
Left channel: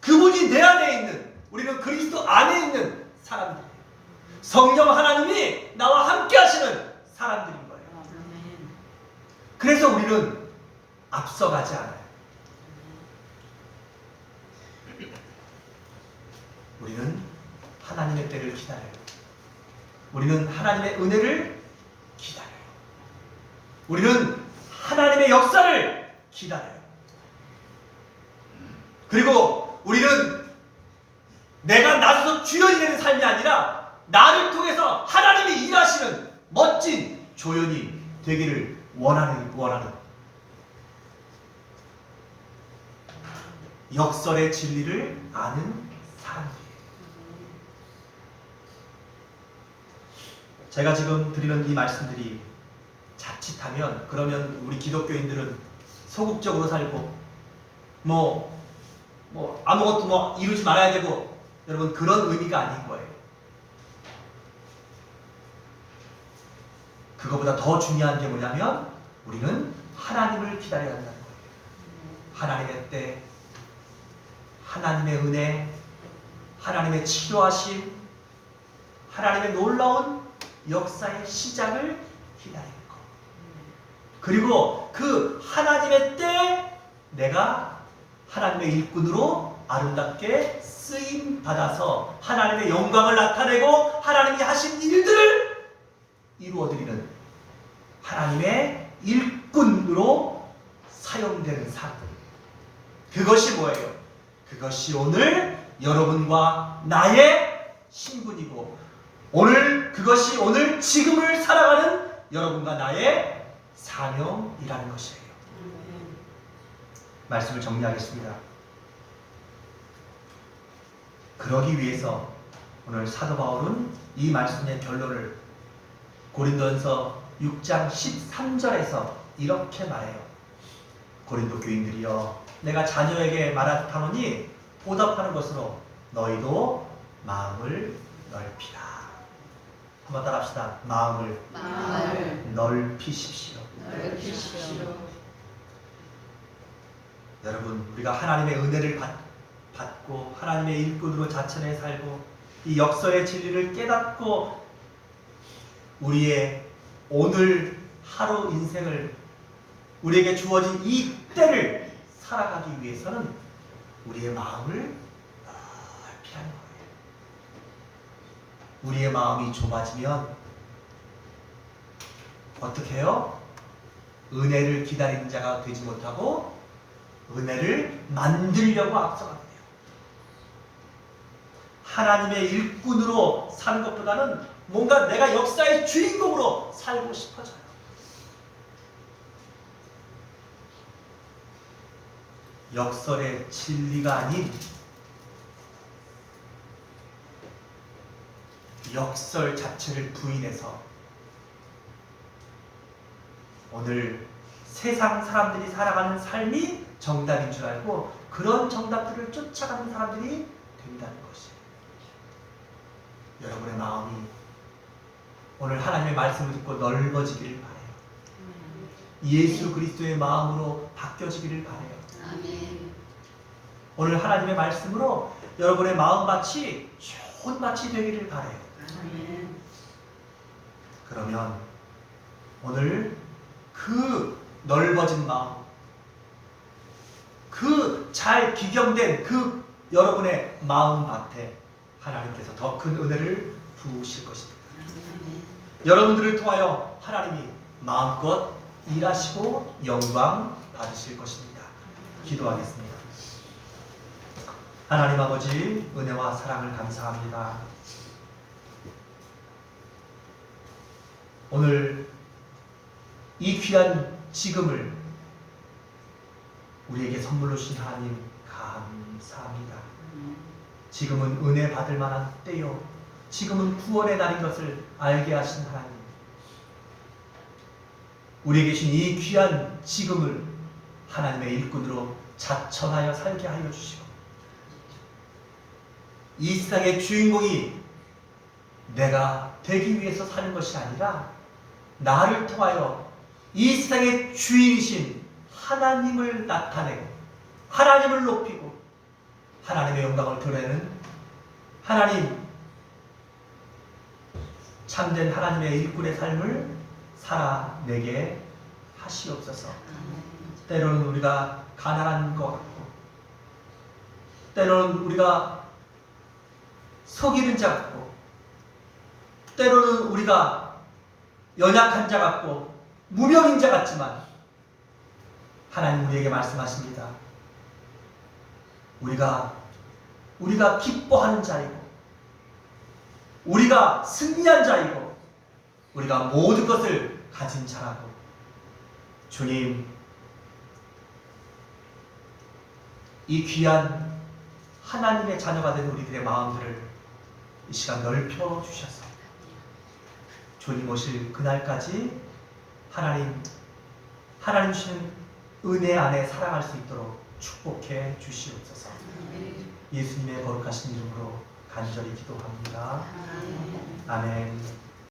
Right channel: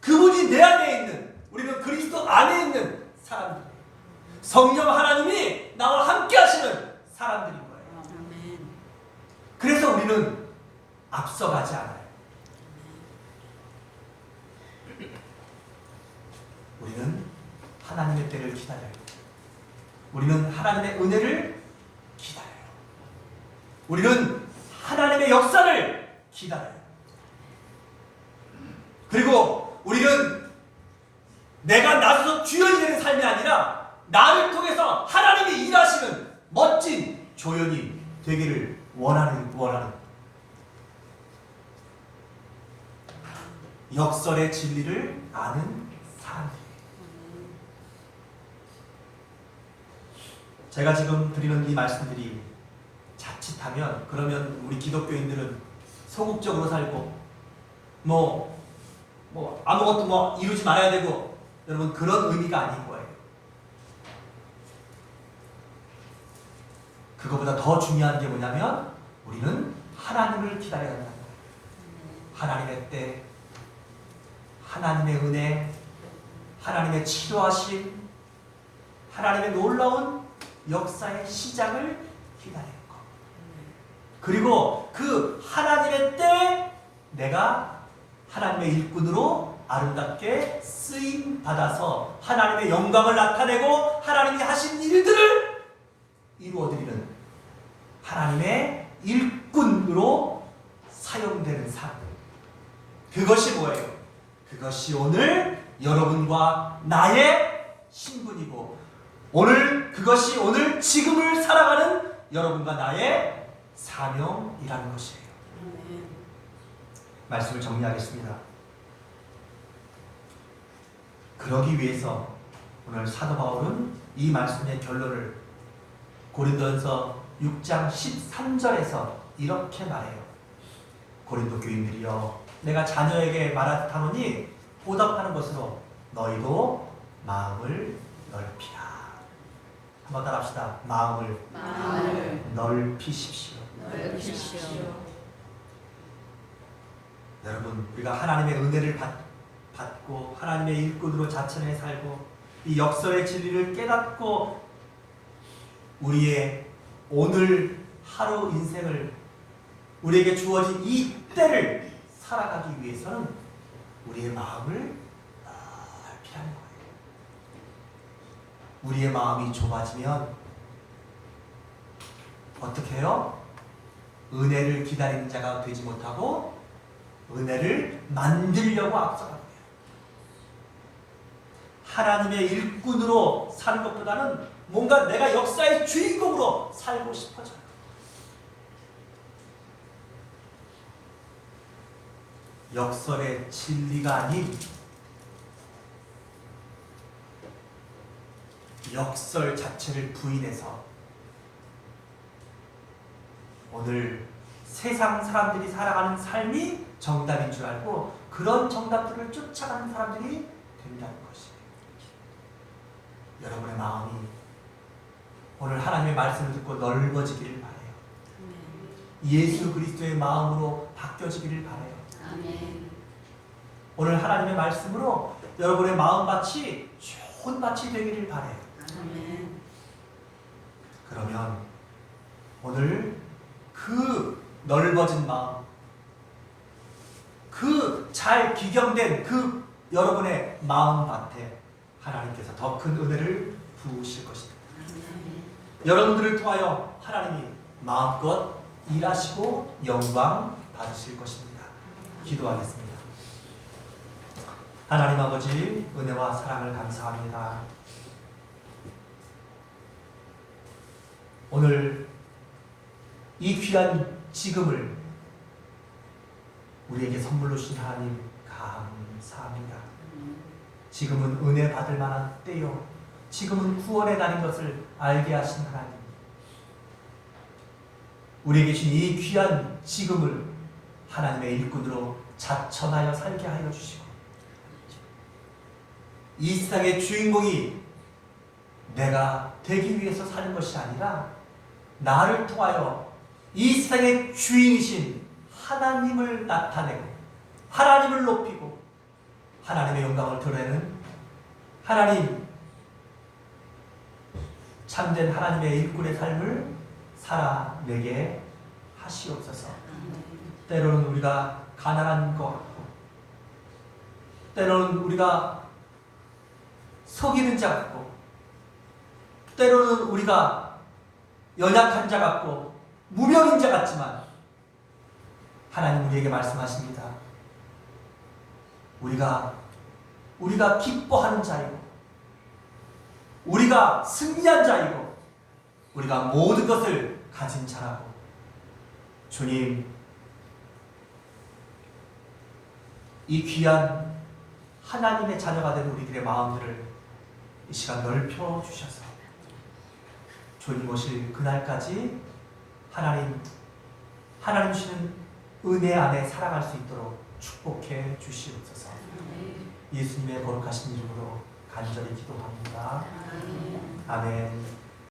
그분이 내 안에 있는, 우리는 그리스도 안에 있는 사람들이에요. 성령 하나님이 나와 함께 하시는 사람들인 거예요. 그래서 우리는 앞서가지 않아요. 우리는 하나님의 때를 기다려요. 우리는 하나님의 은혜를 기다려요. 우리는 하나님의 역사를 기다려요. 그리고 우리는 내가 나서서 주연이 되는 삶이 아니라 나를 통해서 하나님이 일하시는 멋진 조연이 되기를 원하는 역설의 진리를 아는 사람들이에요. 제가 지금 드리는 이 말씀들이 자칫하면, 그러면 우리 기독교인들은 소극적으로 살고 아무것도 이루지 말아야 되고, 여러분, 그런 의미가 아닌 거예요. 그거보다 더 중요한 게 뭐냐면 우리는 하나님을 기다려야 한다는 거예요. 하나님의 때, 하나님의 은혜, 하나님의 치료하심, 하나님의 놀라운 역사의 시작을 기다리는 것. 그리고 그 하나님의 때에 내가 하나님의 일꾼으로 아름답게 쓰임 받아서 하나님의 영광을 나타내고 하나님이 하신 일들을 이루어드리는 하나님의 일꾼으로 사용되는 삶. 그것이 뭐예요? 그것이 오늘 여러분과 나의 신분이고, 그것이 오늘 지금을 살아가는 여러분과 나의 사명이라는 것이에요. 말씀을 정리하겠습니다. 그러기 위해서 오늘 사도 바울은 이 말씀의 결론을 고린도전서 6장 13절에서 이렇게 말해요. 고린도 교인들이여, 내가 자녀에게 말하노니 보답하는 것으로 너희도 마음을 넓히라. 한번 따라합시다. 마음을 넓히십시오. 넓히십시오. 여러분, 우리가 하나님의 은혜를 받고 하나님의 일꾼으로 자천해 살고 이 역설의 진리를 깨닫고 우리의 오늘 하루 인생을, 우리에게 주어진 이 때를 살아가기 위해서는 우리의 마음을 넓히라는 거예요. 우리의 마음이 좁아지면 어떻게 해요? 은혜를 기다리는 자가 되지 못하고 은혜를 만들려고 앞서가게 돼요. 하나님의 일꾼으로 사는 것보다는 뭔가 내가 역사의 주인공으로 살고 싶어져요. 역설의 진리가 아닌 역설 자체를 부인해서 오늘 세상 사람들이 살아가는 삶이 정답인 줄 알고 그런 정답들을 쫓아가는 사람들이 된다는 것이에요. 여러분의 마음이 오늘 하나님의 말씀을 듣고 넓어지기를 바라요. 예수 그리스도의 마음으로 바뀌어지기를 바라요. 아멘. 오늘 하나님의 말씀으로 여러분의 마음밭이 좋은 밭이 되기를 바라요. 아멘. 그러면 오늘 그 넓어진 마음, 그 잘 기경된 그 여러분의 마음밭에 하나님께서 더 큰 은혜를 부으실 것입니다. 아멘. 여러분들을 통하여 하나님이 마음껏 일하시고 영광 받으실 것입니다. 기도하겠습니다. 하나님 아버지, 은혜와 사랑을 감사합니다. 오늘 이 귀한 지금을 우리에게 선물로 주신 하나님 감사합니다. 지금은 은혜 받을 만한 때요, 지금은 구원의 날인 것을 알게 하신 하나님, 우리에게 주신 이 귀한 지금을 하나님의 일꾼으로 자천하여 살게 하여 주시고, 이 세상의 주인공이 내가 되기 위해서 사는 것이 아니라 나를 통하여 이 세상의 주인이신 하나님을 나타내고 하나님을 높이고 하나님의 영광을 드러내는 하나님, 참된 하나님의 일꾼의 삶을 살아내게 하시옵소서. 때로는 우리가 가난한 것 같고, 때로는 우리가 속이는 자 같고, 때로는 우리가 연약한 자 같고 무명인 자 같지만 하나님 우리에게 말씀하십니다. 우리가 기뻐하는 자이고, 우리가 승리한 자이고, 우리가 모든 것을 가진 자라고. 주님, 이 귀한 하나님의 자녀가 된 우리들의 마음들을 이 시간 넓혀 주셔서 주님 오실 그날까지 하나님 주시는 은혜 안에 살아갈 수 있도록 축복해 주시옵소서. 예수님의 거룩하신 이름으로 간절히 기도합니다. 아멘.